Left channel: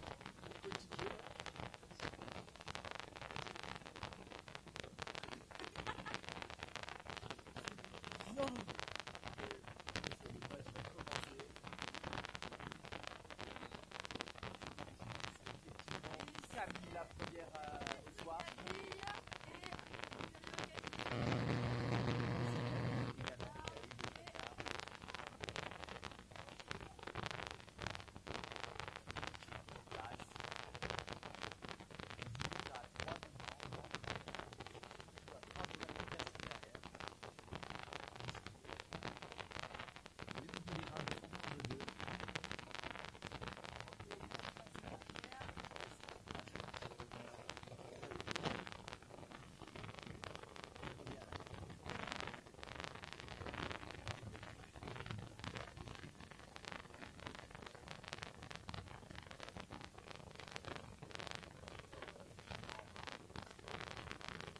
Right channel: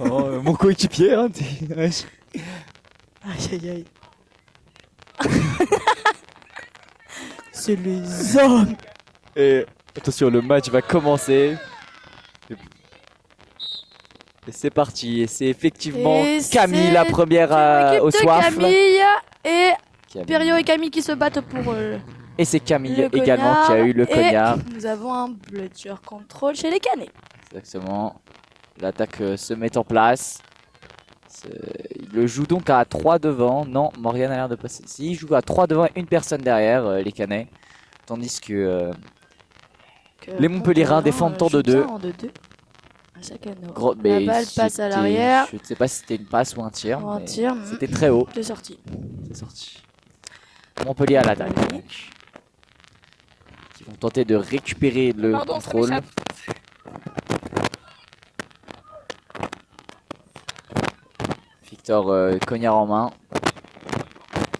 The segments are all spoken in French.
Oh, mon coéquipier, hein, wesh. Aïe aïe aïe. C'est les hommes. Et attention, le match va commencer. Et c'est parti. Et c'est effectivement Et Camille, c'est la première au L'équipe de soif. Camille et Camille. Perio et Camille qui se battent pour Et c'est Camille le également qui a eu le et cognard. nous avons un bludger control chez les canets. Exactement. L'attaque se met en place. Il le joue donc à 3 devant. Non, Morgan a l'air de passer. Si, il joue à 3 devant et une personne derrière, les canets. Tandis que les Montpellierins défendent en 2-2. La balle passe à l'arrière. Je ne sais pas si c'était une passe ou un tir. Un tir. C'était très haut. C'est sorti. C'est sorti. Montpellier à l'attaque. Ils vont tenter de récupérer le contrôle. Victor cognard en main.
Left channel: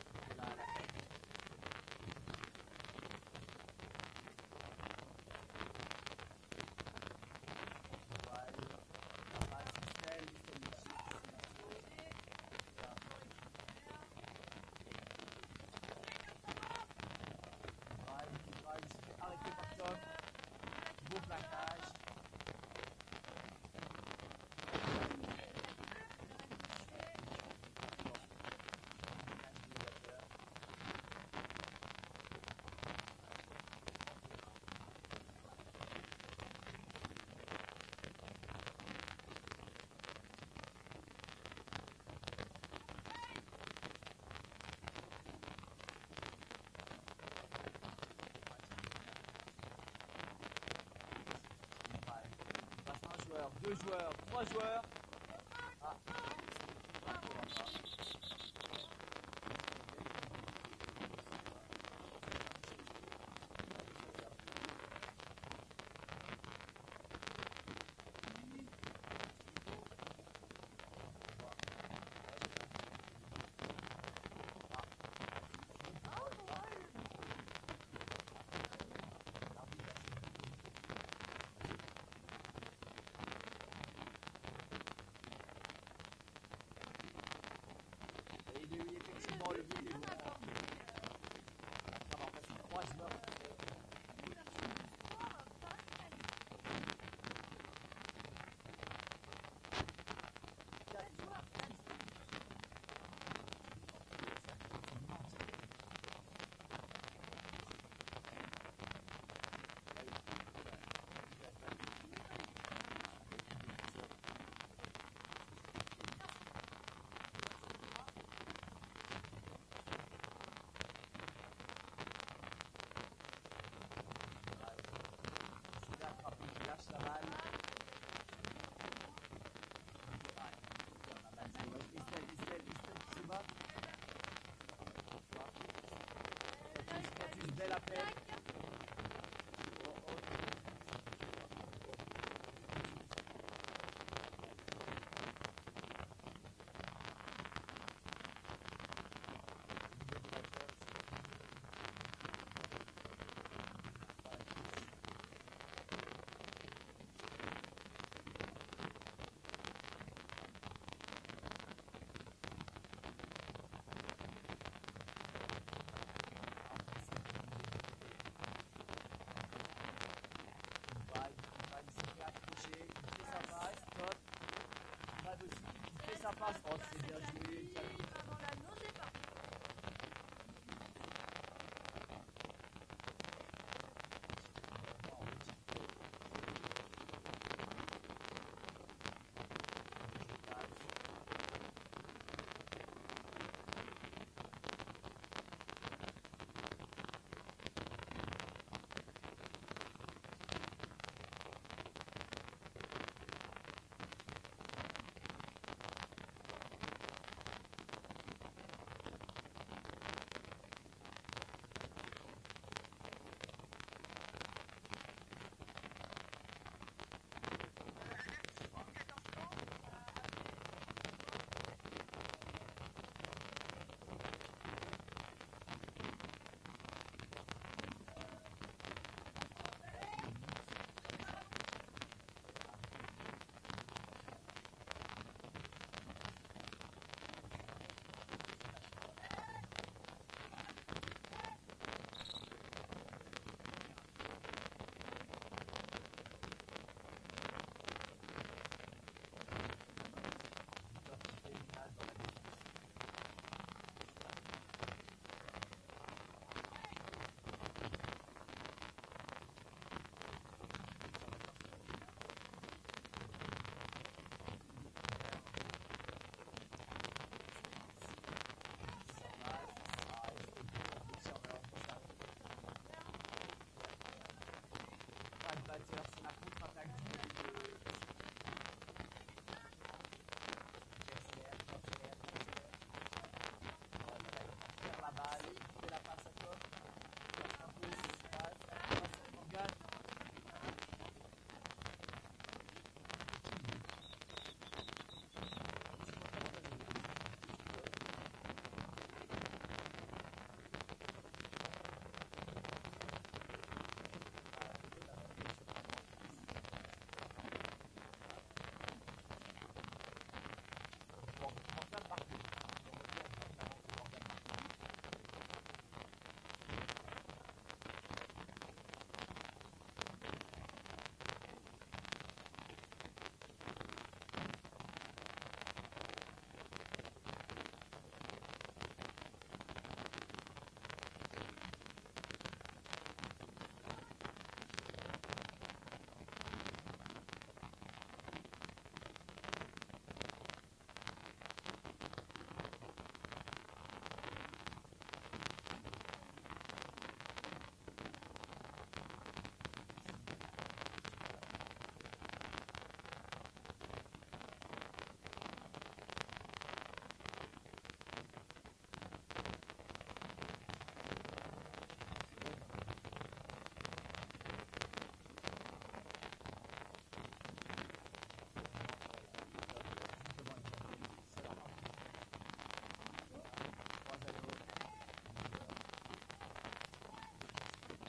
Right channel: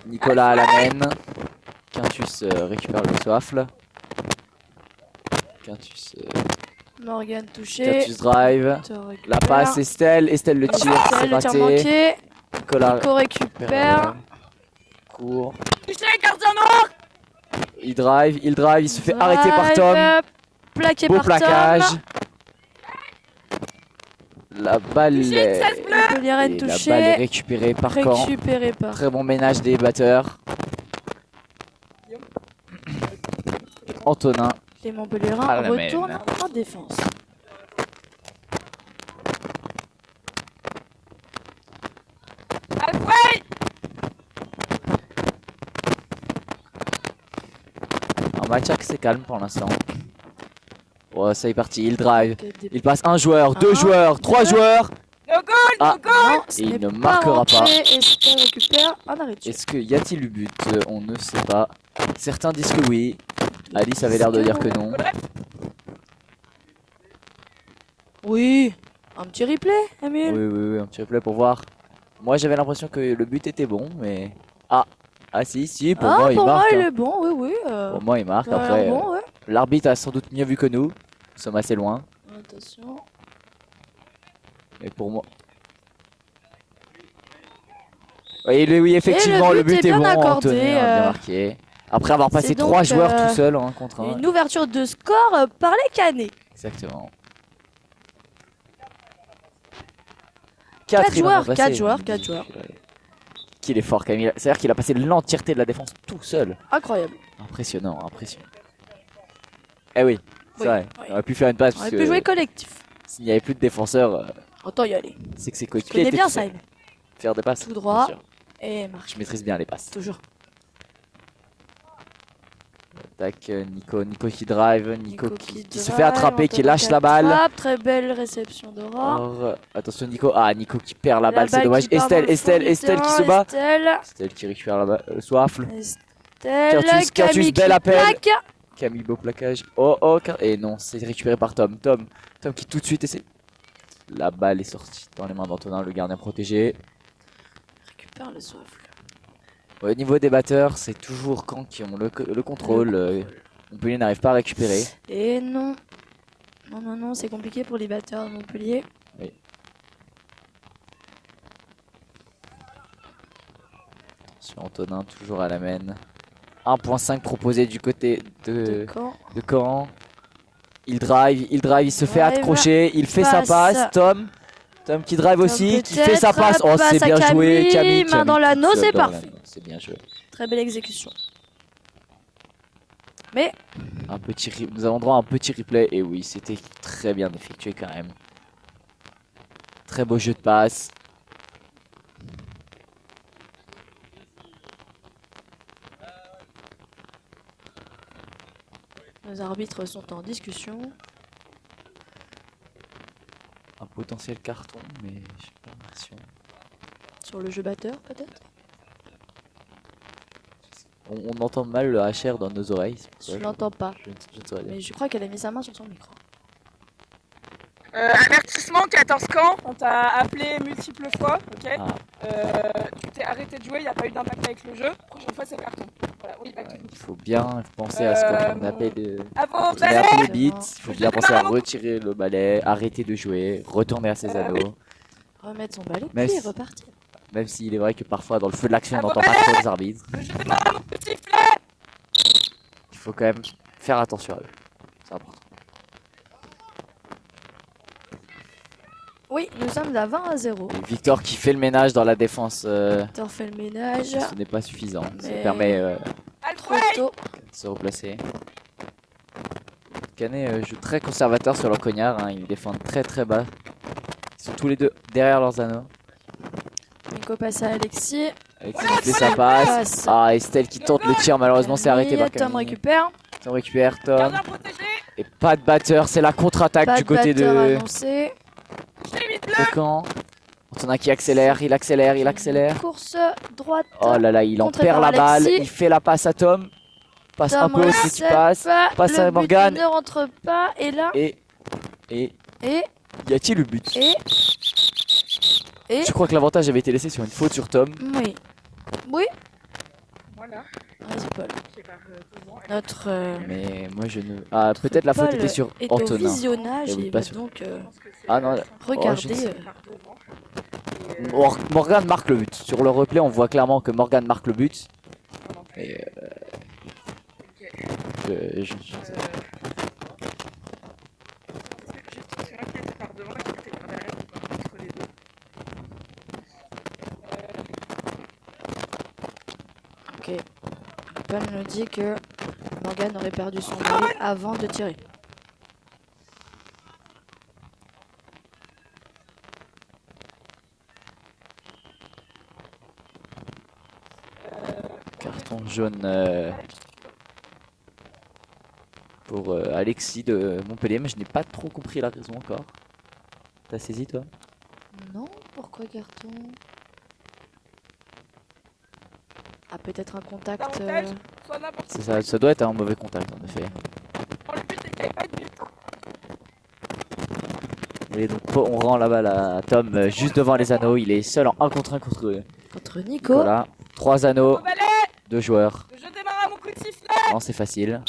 Nicolas à la mène. Quintus récupère le soifle. Quintus, Morgan touché. Quintus drive. La passe Estelle. Estelle le tire. C'est le tir raté. manqué. Nicolas Nico récupère. Court. Touché, gardien noir. Il drive. Il se fait arrêter par Tom. Plaqué Beau par plaquage. Tom. La balle est... Montpellier Et touché. la balle est récupérée par Caen. Récupéré par. Très bon ménage des batteurs. Antonin. Les Montpellierins À la retournent main. en défense. Un match assez calme pour l'instant. Oh, ça y est parti, il drive. Il passe un joueur, deux joueurs, trois joueurs. Ah, Non, et il ne marquera pas. Estelle récupère un arrêt de tir. Est-ce qu'il y a-t-il eu but? On ne sait pas. Certains disent que oui. Alice avait l'air de dire que non. Oui. Un petit replay, Emile. Oui, un petit replay pour voir. Moi j'avais l'impression que le but était bon, mais... Ah, si, pour moi il pour marque. moi il hein. est bon, oui. Pour moi il marque, Ça a l'air après... bon, ouais. L'arbitre a sans doute mieux vu que nous. Nous sommes assez loin. Attention. Et pour moi... Oui, effectivement, le but est bien bon, accordé, Antonin a bien marqué. Après avoir passé c'est 3 donc, joueurs tout seul hein, contre un. Une ouverture de score par les canets. Exactement. 4 joueurs, passé. 4 joueurs. Qu'il est fort, Camille. C'est-à-dire qu'il a passé l'entièreté de la défense tout seul. Incroyable. Impressionnant. Eh oui, c'est vrai. oui. On aurait pu faire une passe On parce aurait pu jouer que collectif. s'il n'y avait plus de défenseurs, Autant y aller. c'est que c'est Je coéquipiers. connais bien étaient ça, tout Emile. seuls. Faire des passes. Tout droit. bien sûr. Et marche. Je maîtrise bien les passes. Toujours. Tac, Nico qui drive, Nico qui se fait drive, attraper, qui Antonin lâche la balle. attrape, très belle réception d'Aura. Or, attention Nico, Nico qui perd la balle, c'est balle dommage. qui part dans le fond Estelle du qui se terrain, bat. Estelle, Estelle qui récupère la balle, soifle. Quintus, Quintus, bel qui appel. plaque. Camille, beau plaquage. Et non, c'est récupéré par Tom. Tom qui tout de suite essaie. La balle est sortie dans les mains d'Antonin, le gardien protégé. Récupère le souffle. Au niveau des batteurs, c'est toujours Caen qui ont le contrôle. Montpellier n'arrive pas à récupérer. Et non. Non, c'est compliqué pour les batteurs de Montpellier. Oui. Sur Antonin, toujours à la main. 1.5 proposé du côté de Caen. Il drive, il se fait accrocher, il fait sa passe. Tom qui drive aussi, qui fait sa passe. Oh, c'est bien joué, Camille. Main dans l'anneau, c'est parfait. C'est bien joué. Très belle exécution. Mais nous avons droit à un petit replay. Et oui, c'était très bien effectué quand même. Très beau jeu de passe. nos arbitres sont en discussion. Un potentiel carton, mais j'ai pas l'impression. Sur le jeu batteur, peut-être. On entend mal le HR dans nos oreilles. Je l'entends pas. Je ne saurais dire. Mais je crois qu'elle a mis sa main sur son micro. Avertissement 14 Caen, on t'a appelé multiples fois, ok. Ah. Tu t'es arrêté de jouer, il n'y a pas eu d'impact avec le jeu. Prochaine fois c'est carton. Voilà, on y va tout. Il faut bien penser à ce qu'on appelle À vos on a balais. appelé le beat. Il faut bien penser à retirer le balai, arrêter de jouer, retourner à ses anneaux. remettre son balai, Mais puis repartir. Même s'il est vrai que parfois dans le feu de l'action on n'entend pas trop les arbitres. Je démarre mon petit sifflet. Il faut quand même faire attention à eux. C'est important. Oui, nous sommes à 20-0. Et Victor qui fait le ménage dans la défense. Victor fait le ménage. Ce n'est pas suffisant. Ça Mais- permet Trop tôt. de se replacer. Canet joue très conservateur sur leur cognard. Hein. Ils défendent très bas. Ils sont tous les deux derrière leurs anneaux. Nico passe à Alexis. Alexis fait sa passe. Ah, Estelle qui tente le tir. Malheureusement, c'est arrêté par Tom Camille. récupère. Tom récupère. Tom. Gardien protégé. Et pas de batteur. C'est la contre-attaque Pas du de côté batteur de annoncé. camp. Antonin qui accélère. Il accélère. Course droite. Oh là là, il en Contré perd par la balle. Alexis. Il fait la passe à Tom. Passe un Tom peu aussi qui reset passe. pas. Passe à Le but Morgane. ne rentre pas. Et là. Et Et. y a-t-il le but? Et. Je crois que l'avantage avait été laissé sur une faute sur Tom. Oui. Oui. Voilà. Vas-y, Paul. Je sais pas que- Notre. Mais moi je ne. Ah, peut-être la faute Paul était sur est au Antonin. visionnage J'avoue et pas va sûr. donc Ah non, regarder. sais Morgane marque le but. Sur le replay, on voit clairement que Morgane marque le but. Et je sais pas. Ok. Paul nous dit que Morgane aurait perdu son balai avant de tirer. Carton jaune pour Alexis de Montpellier, mais je n'ai pas trop compris la raison encore. T'as saisi toi? Non, pourquoi carton? Ah, peut-être un contact. Soit n'importe C'est ça, ça doit être un mauvais contact en effet. quoi. Le but c'est qu'il n'y ait pas de but. Et donc on rend la balle à Tom juste devant les anneaux. Il est seul en 1 contre 1 contre Contre Nico. Nicolas. 3 anneaux, Au balai. 2 joueurs. Je démarre à mon coup de sifflet. Non, c'est facile.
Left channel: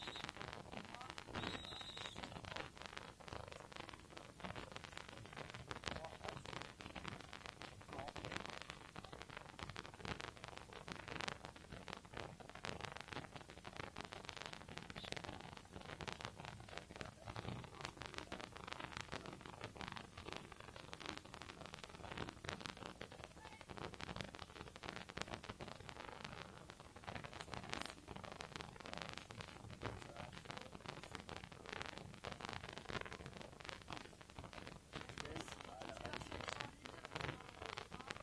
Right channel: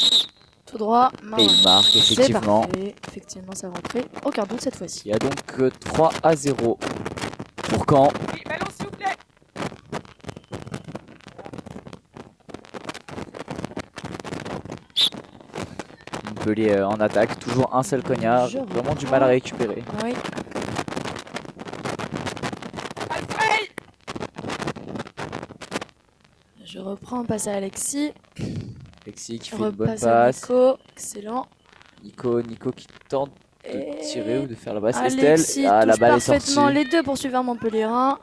Tout droit. Et il marque C'est effectivement. parfait. Effectivement, ça va rentrer. Aucun doute cette fois-ci. Il y a donc 3-0 pour Caen. Oui, ballon s'il vous plaît. Montpellier en attaque. Toujours un seul cognard. Je Vraiment du reprends. mal à récupérer. Oui. Alfred. Je reprends, passe à Alexis. Alexis qui fait une bonne Repasse à passe. Nico. Excellent. Nico qui tente de Et tirer ou de faire la passe. Alexis Estelle. Ah, la touche balle est sortie. parfaitement les deux poursuivants Montpellierin.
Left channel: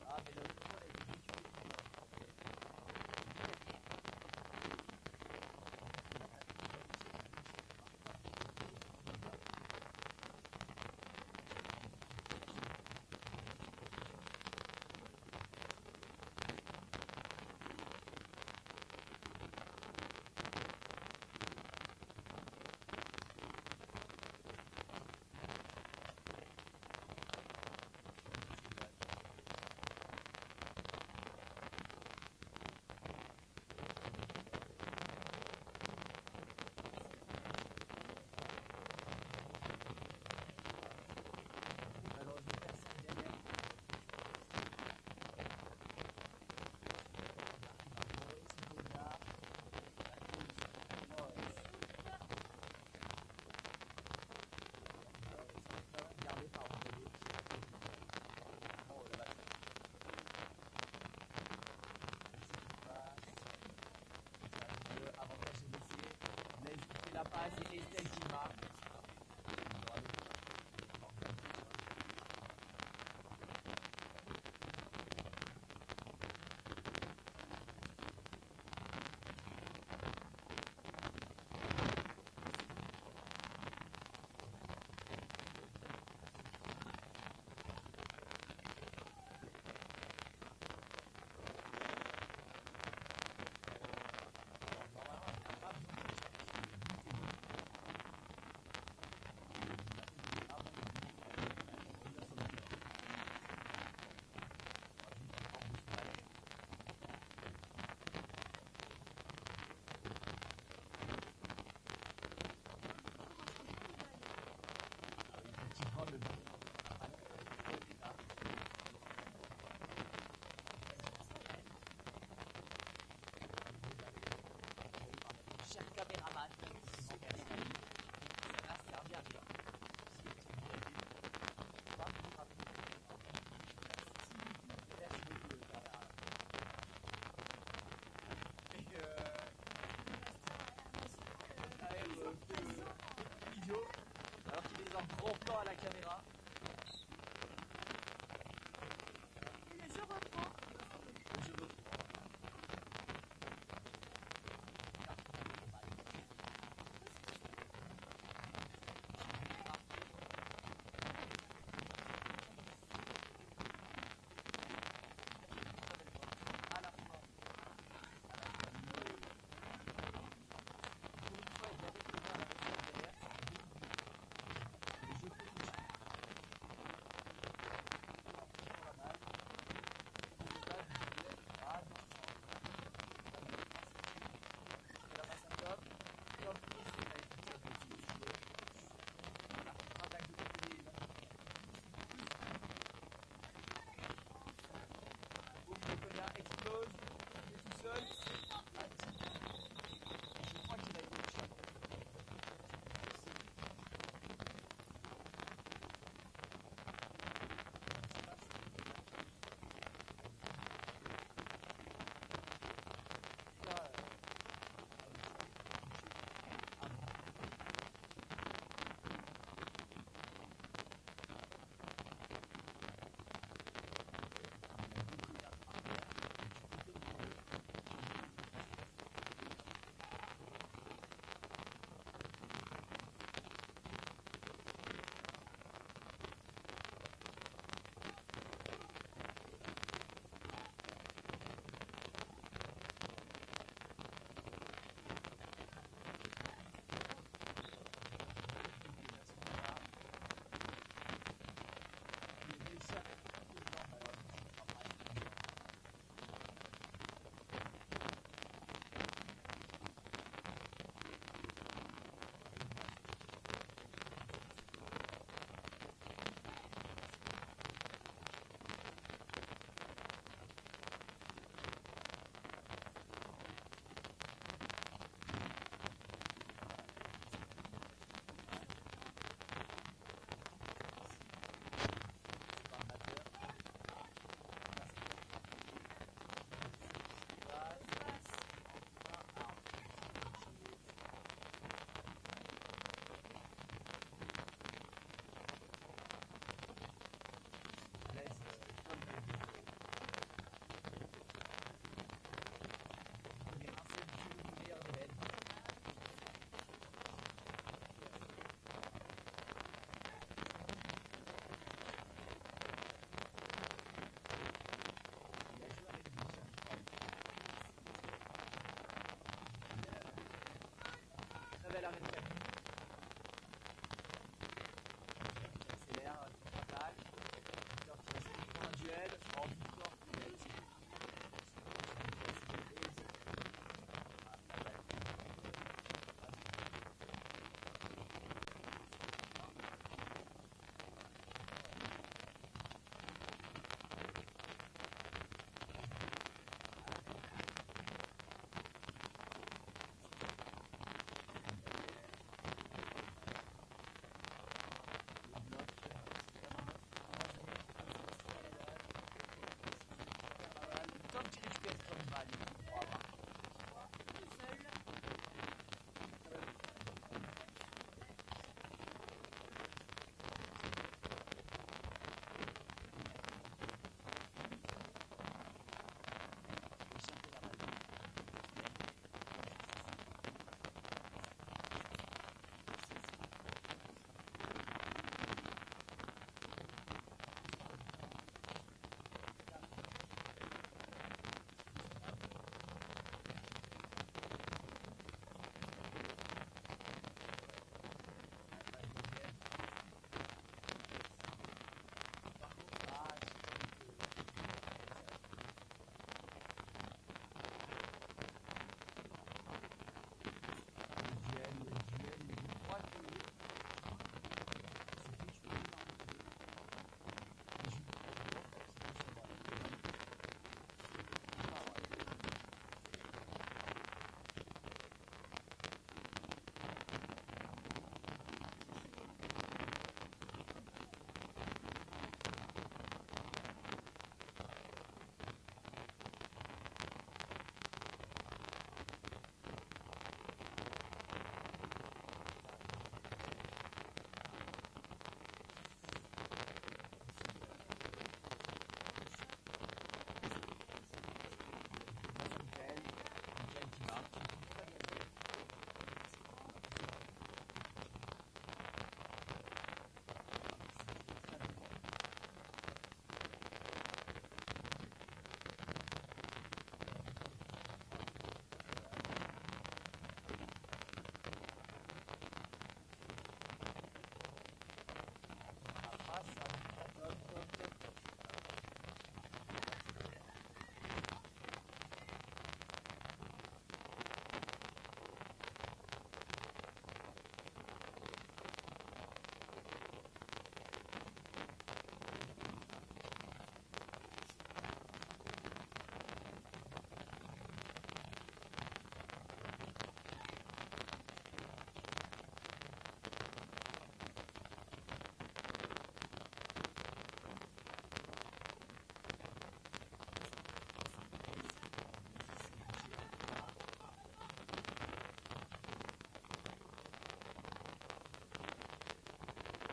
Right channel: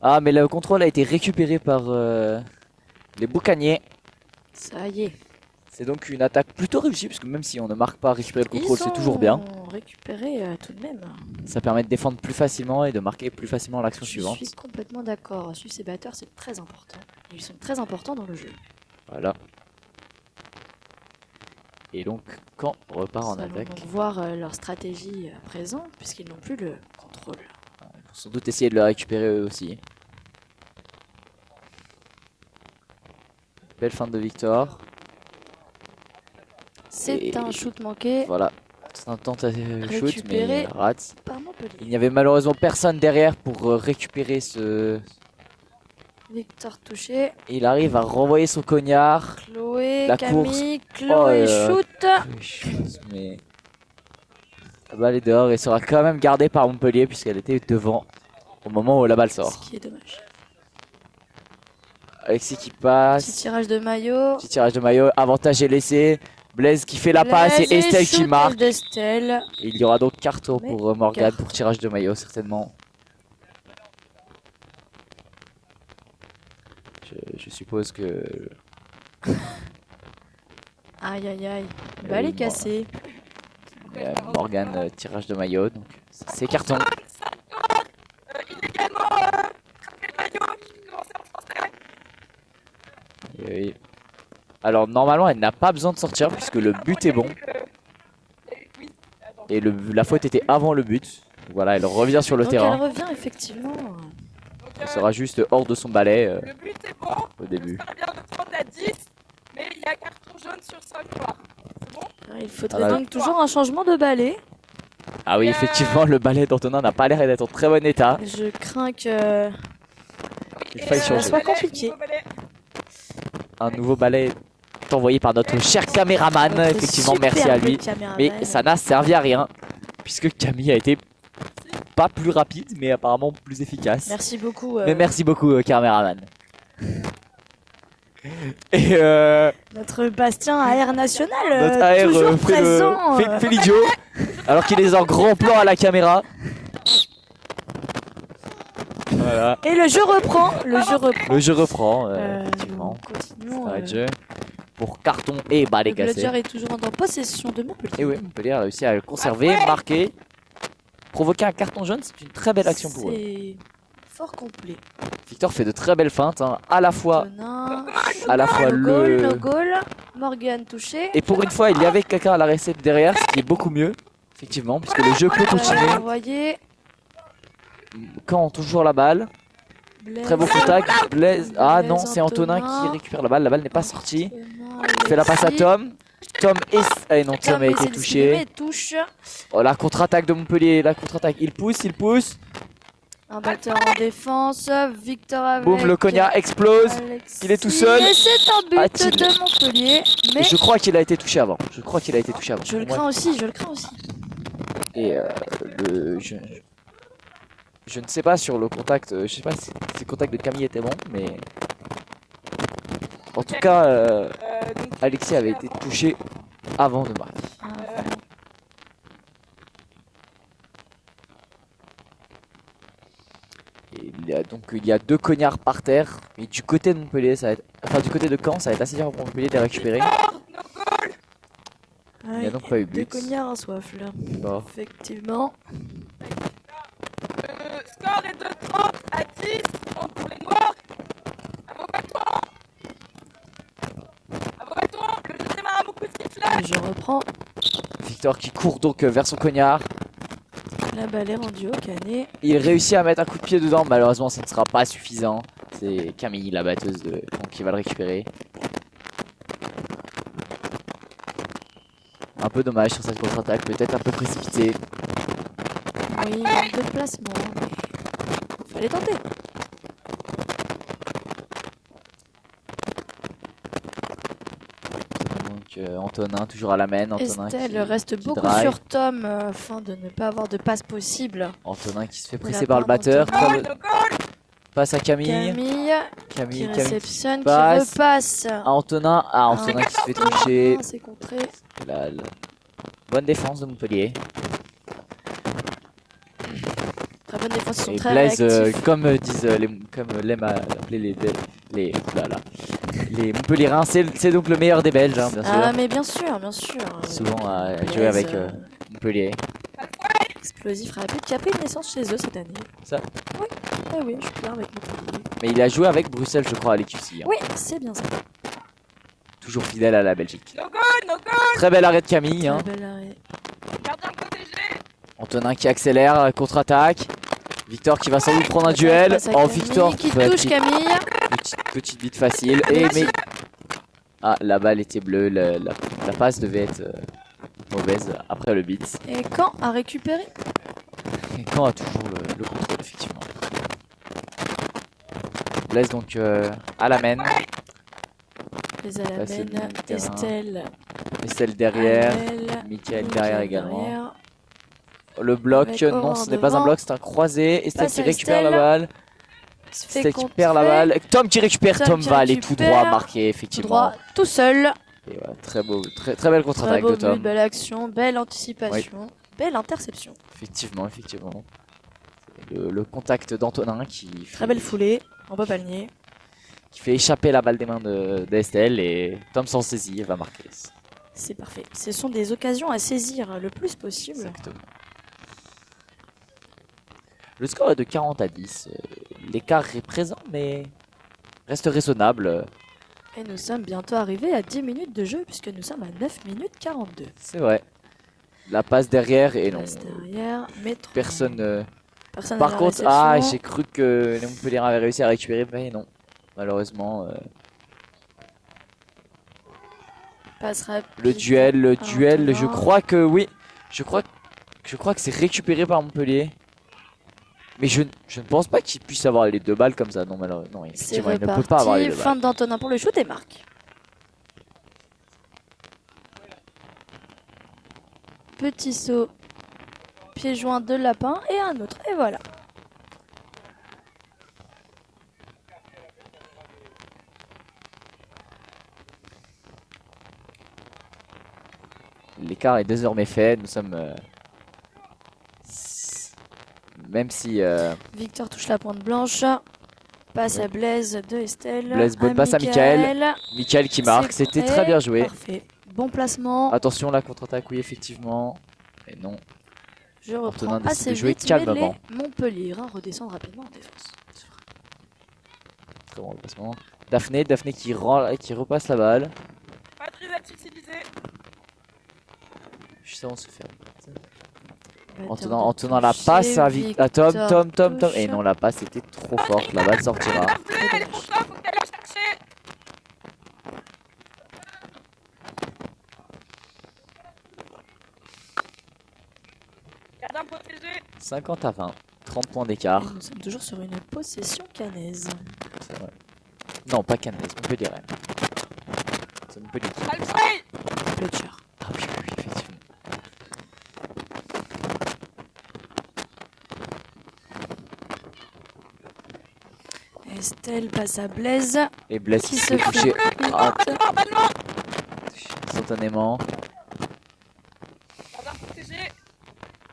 Ah, mais le contrôle a été récupéré par les boucaniers. Ça y est. C'est donc une attaque plutôt réussie, parce que même si on ne marque pas récupérer le contrôle, Ils c'est toujours bien. ont récupéré tout de même. Ça permet de défendre plus facilement et de marquer plus facilement l'action Je suivante. suis complètement d'accord. Suivre ces batteurs, c'est très important. Ils sont très importants dans le jeu. Voilà. Et donc, quand on repart en Nous allons attaque, donc voir leur stratégie présente, puisqu'ils n'ont plus le contrôle. il faut sans doute essayer de le récupérer eux aussi. Belle fin de Victor. C'est Et un shoot manqué Voilà. C'est un tentative shoot, mais Récupéré. il rate. par Montpellier. Il n'y avait malheureusement personne derrière pour récupérer ce... Victor touché. Il arrive à renvoyer son cognard. Chloé, La Camille, Oh, Chloé shoot. Mais la balle est dehors et sera quand même gardée par Montpellier puisqu'elle était devant au moment où la balle sort. Ce qui est dommage. Alexis qui Petit passe. tirage de maillot. Petit tirage de maillot. Avantage est laissé. Blaise qui fait la passe et Blaise Estelle qui shoot marque. d'Estelle. Et il y aura donc carton Mais pour Morgane carton. pour tirage de maillot certainement. Je suppose que... Aïe aïe aïe. Balle est cassée. Morgane tirage de maillot. Donc c'est carton. Illégalement attraper le maillot qui commençait en français. Oui. Alors normalement elle n'a pas besoin de sortir puisque le but est bon. Et la faute était avant le but. Voilà, elle revient sur le Donc terrain. elle revient effectivement. Elle sera juste hors de son balai Le but est bon. au début. Ça vient de prendre la 10. Mais il y a carton jaune sur 5 noirs. C'est bon. Il faudrait Voilà. donc toujours un changement de balai. Ah oui, effectivement, le balai d'Antonin n'a pas l'air d'être en très bon état. Je crains que Il faille ça changer. soit compliqué. Un nouveau balai est envoyé par notre cher caméraman. Notre Effectivement, merci à superbe lui. caméraman. Mais ça n'a servi à rien. Puisque Camille a été pas plus rapide, mais apparemment plus efficace. Merci beaucoup. Mais merci beaucoup, caméraman. Et Notre Bastien AR national, notre AR toujours fait présent. fait l'idiot. Alors qu'il est en grand plan à la caméra. Voilà. Et le jeu reprend. Le jeu reprend. Le jeu reprend, effectivement. Continuons, Arrêt de jeu. Pour carton et balai le cassé. Bludger est toujours en possession de Montpellier. Et oui, Montpellier a réussi à le conserver, marquer. Provoquer un carton jaune, c'est une très belle action pour eux. C'est fort complet. Victor fait de très belles feintes, hein, à la fois No le... goal. Morgan touché. Et pour une fois, il y avait quelqu'un à la recette derrière, ce qui est beaucoup mieux, effectivement, puisque le jeu peut continuer. Envoyé. Quand on touche toujours la balle. Blaise. Très beau contact. Blaise. Ah Blaise, non, c'est Antonin Antonin. qui récupère la balle n'est pas sortie. Antonin, Il fait la passe à Alexis. Tom. Tom et... Ah non, Tom a été essaie de touché. s'exprimer, touche. Oh, la contre-attaque de Montpellier, la contre-attaque. Il pousse. Un batteur en défense. Victor avec. Boum, le Cognac explose. Alexis. Il est tout seul. Et c'est un but A-t-il- de Montpellier. Mais Je crois qu'il a été touché avant. je le Moi, crains aussi, je le crains aussi. Et je ne sais pas sur le contact, je sais pas si le contact de Camille était bon, mais en tout cas, Alexis avait été touché avant de marquer. Et il y a deux cognards par terre, et du côté de Montpellier, ça va être, enfin du côté de Caen, ça va être assez dur pour Montpellier de les récupérer. Il n'y a donc pas eu Deux but. cognards à soif là. Bon. Effectivement. Le score est de 30 à 10 pour les Noirs. À vos bâtons. À vos bâtons. Le deuxième à un beau petit flash. Je reprends. Victor qui court donc vers son cognard. La balle est rendue au canet. Il réussit à mettre un coup de pied dedans, malheureusement ça ne sera pas suffisant. C'est Camille, la batteuse, qui va le récupérer. Un peu dommage sur cette contre-attaque, peut-être un peu précipité. Oui, de placement. Fallait tenter. Donc Antonin toujours à la main. Antonin Estelle reste beaucoup drive. sur Tom afin de ne pas avoir de passe possible. Antonin qui se fait Pour la presser par le part batteur. d'Antonin. Passe à Camille. Camille qui Camille réceptionne, qui passe. repasse. à Antonin. Ah, Antonin qui se fait toucher. Ah, c'est contré. Bonne défense de Montpellier. Très bonne défense, ils sont Et très Blaise, réactifs. comme l'aiment à appeler les Montpellierins, c'est donc le meilleur des Belges, hein, bien sûr. Ah mais bien sûr, bien sûr. Souvent à Blaise, jouer avec Montpellier. Explosif rapide qui a pris une naissance chez eux cette année. Ça. Oui, ah oui, je suis bien avec Montpellier. Mais il a joué avec Bruxelles, je crois, à l'EQC. Hein. Oui, c'est bien ça. Toujours fidèle à la Belgique. No goal, no goal. Très bel arrêt de Camille. Hein. Très bel arrêt. Gardien protégé. Antonin qui accélère, contre-attaque. Victor qui va sans doute prendre un duel. Passe à Oh, Camille, Victor qui fait touche Camille. petite bite facile. Mais ah, la balle était bleue. La passe devait être mauvaise après le beat. Et quand a récupéré? Et Caen a toujours le contrôle, effectivement. Blaise donc à la main. Les à la Passer mène, du terrain. Estelle. Estelle derrière. Amel, Mickaël derrière également. derrière. Le bloc, Avec non, Oran ce n'est pas un devant. bloc, c'est un croisé. Estelle Passe qui à récupère la Estelle. balle. Il se fait Estelle qui perd la contrer. balle. Tom qui récupère. Tom Tom qui va aller tout récupère. droit marquer, Tout effectivement. droit, tout seul. Et ouais, très beau, très belle Très contre-attaque beau de but, Tom. belle action, belle anticipation, belle interception. Effectivement. Le contact d'Antonin Très belle foulée, on peut pas le nier. qui fait échapper la balle des mains d'Estelle et Tom s'en saisit et va marquer. C'est parfait. Ce sont des occasions à saisir le plus possible. Exactement. Le score est de 40 à 10. L'écart est présent mais reste raisonnable. Et nous sommes bientôt arrivés à 10 minutes de jeu puisque nous sommes à 9 minutes 42. C'est vrai. La passe derrière et non. Passe derrière, mais trop. Personne. Personne à Par la contre, réception. ah, j'ai cru que les Montpellier avaient réussi à récupérer, mais non. Malheureusement, Passe rapide. le duel, je Antonin. crois que oui. Je crois que Je crois que c'est récupéré par Montpellier. Mais je ne pense pas qu'il puisse avoir les 2 balles comme ça. Non, malheureusement, non, effectivement, il ne peut pas avoir les 2 balles. Fin d'Antonin pour le shoot et marque. Petit saut, pied joint de lapin et un autre. Et voilà. L'écart est désormais fait. Nous sommes... même si... Victor touche la pointe blanche. Passe à Blaise de Estelle. Blaise, bonne passe à Michael. Michael qui marque. C'était très bien joué. Parfait. Bon placement. Attention, la contre-attaque, oui, effectivement. Et non. Je reprends Antonin assez jouer vite, calmement. mais Montpellier redescend rapidement en défense. Très bon repassement. Daphné qui repasse la balle. Patrice a utilisé. Juste avant de se faire. En tenant la passe à Tom. Et non, la passe était trop forte. La balle sortira. Daphné, elle est pour toi, faut que t'ailles la chercher. Gardien protégé. 50 à 20. 30 points d'écart. Nous sommes toujours sur une possession canaise. C'est vrai. Non, pas Cannes, Montpellier. C'est Montpellier. Alfred. Fletcher. Ah oui, effectivement. Estelle passe à Blaise. Et Blaise Qui qui se se fait toucher Ballement. instantanément. Gardien protégé.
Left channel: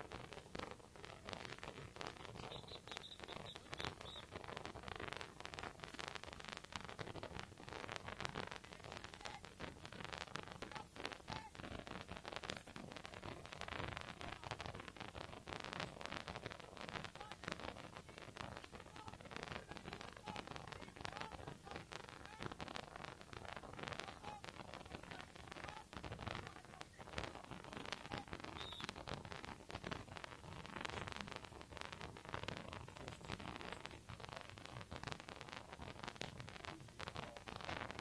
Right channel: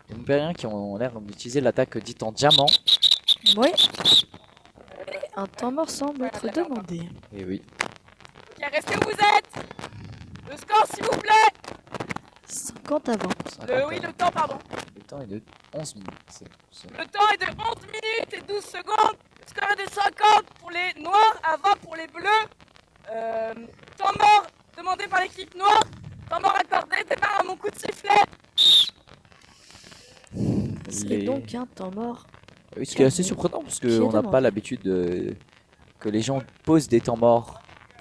Les Montpellieriens qui ont l'air d'utiliser l'attaque dite en diamant. Oui. Et un temps mort semble être demandé. Et oui. Bien, restez où vous êtes. Le score, s'il vous plaît. 50 avant. Oui, le temps, pardon. Le temps est de 11 minutes. Le temps est de 11 minutes et 12 secondes. Score est de 50 pour les noirs, à 20 pour les bleus. Temps mort demandé par l'équipe noire. Temps mort accordé, départ à mon coup de sifflet. C'est donc un temps mort. Oui, ce qui est assez surprenant parce Qui est qu'on n'a demandé. pas l'habitude que les gens posent des temps morts.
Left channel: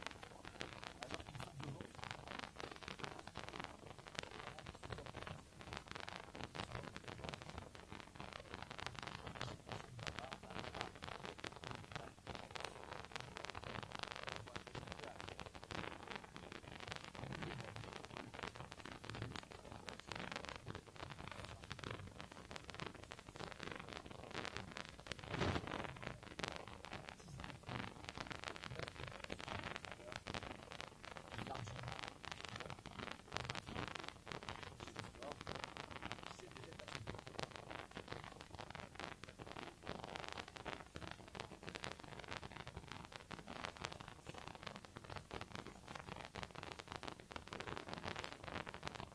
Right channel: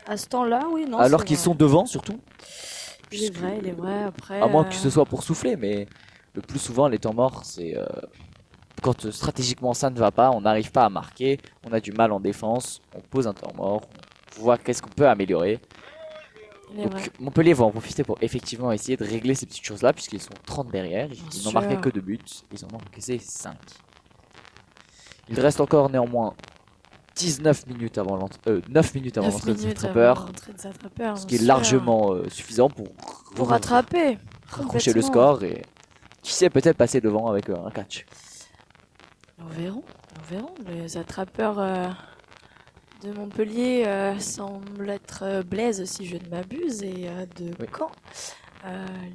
À ce temps-là, oui, non. Alors c'est qu'ils vrai. sont devant surtout. Il est vrai, après. À moins que ce soit pour souffler, mais le plus souvent les temps morts c'est quand stratégiquement ça ne va pas, on n'arrive pas à marquer, on a du mal en défense, on pose un temps mort, on voit qu'est-ce qu'on peut améliorer. Il est vrai. Donc Montpellier va en profiter pour effectivement essayer de régler ces petites choses là puisqu'ils sont 30 derrière, ils n'ont marqué sûr. que 2 buts, ils en ont encaissé 5. Il reste encore néanmoins 19 minutes avant 9 minutes avant 9 l'entrée des minutes attrapeurs, avant l'entrée des attrapeurs, ce qui est bien sûr. largement suffisant pour rattraper. accrocher le complètement. score et qui sait peut-être passer devant avec un catch. Nous verrons. Les attrapeurs de Montpellier semblent être Blaise, si je ne m'abuse, et de Oui. Caen.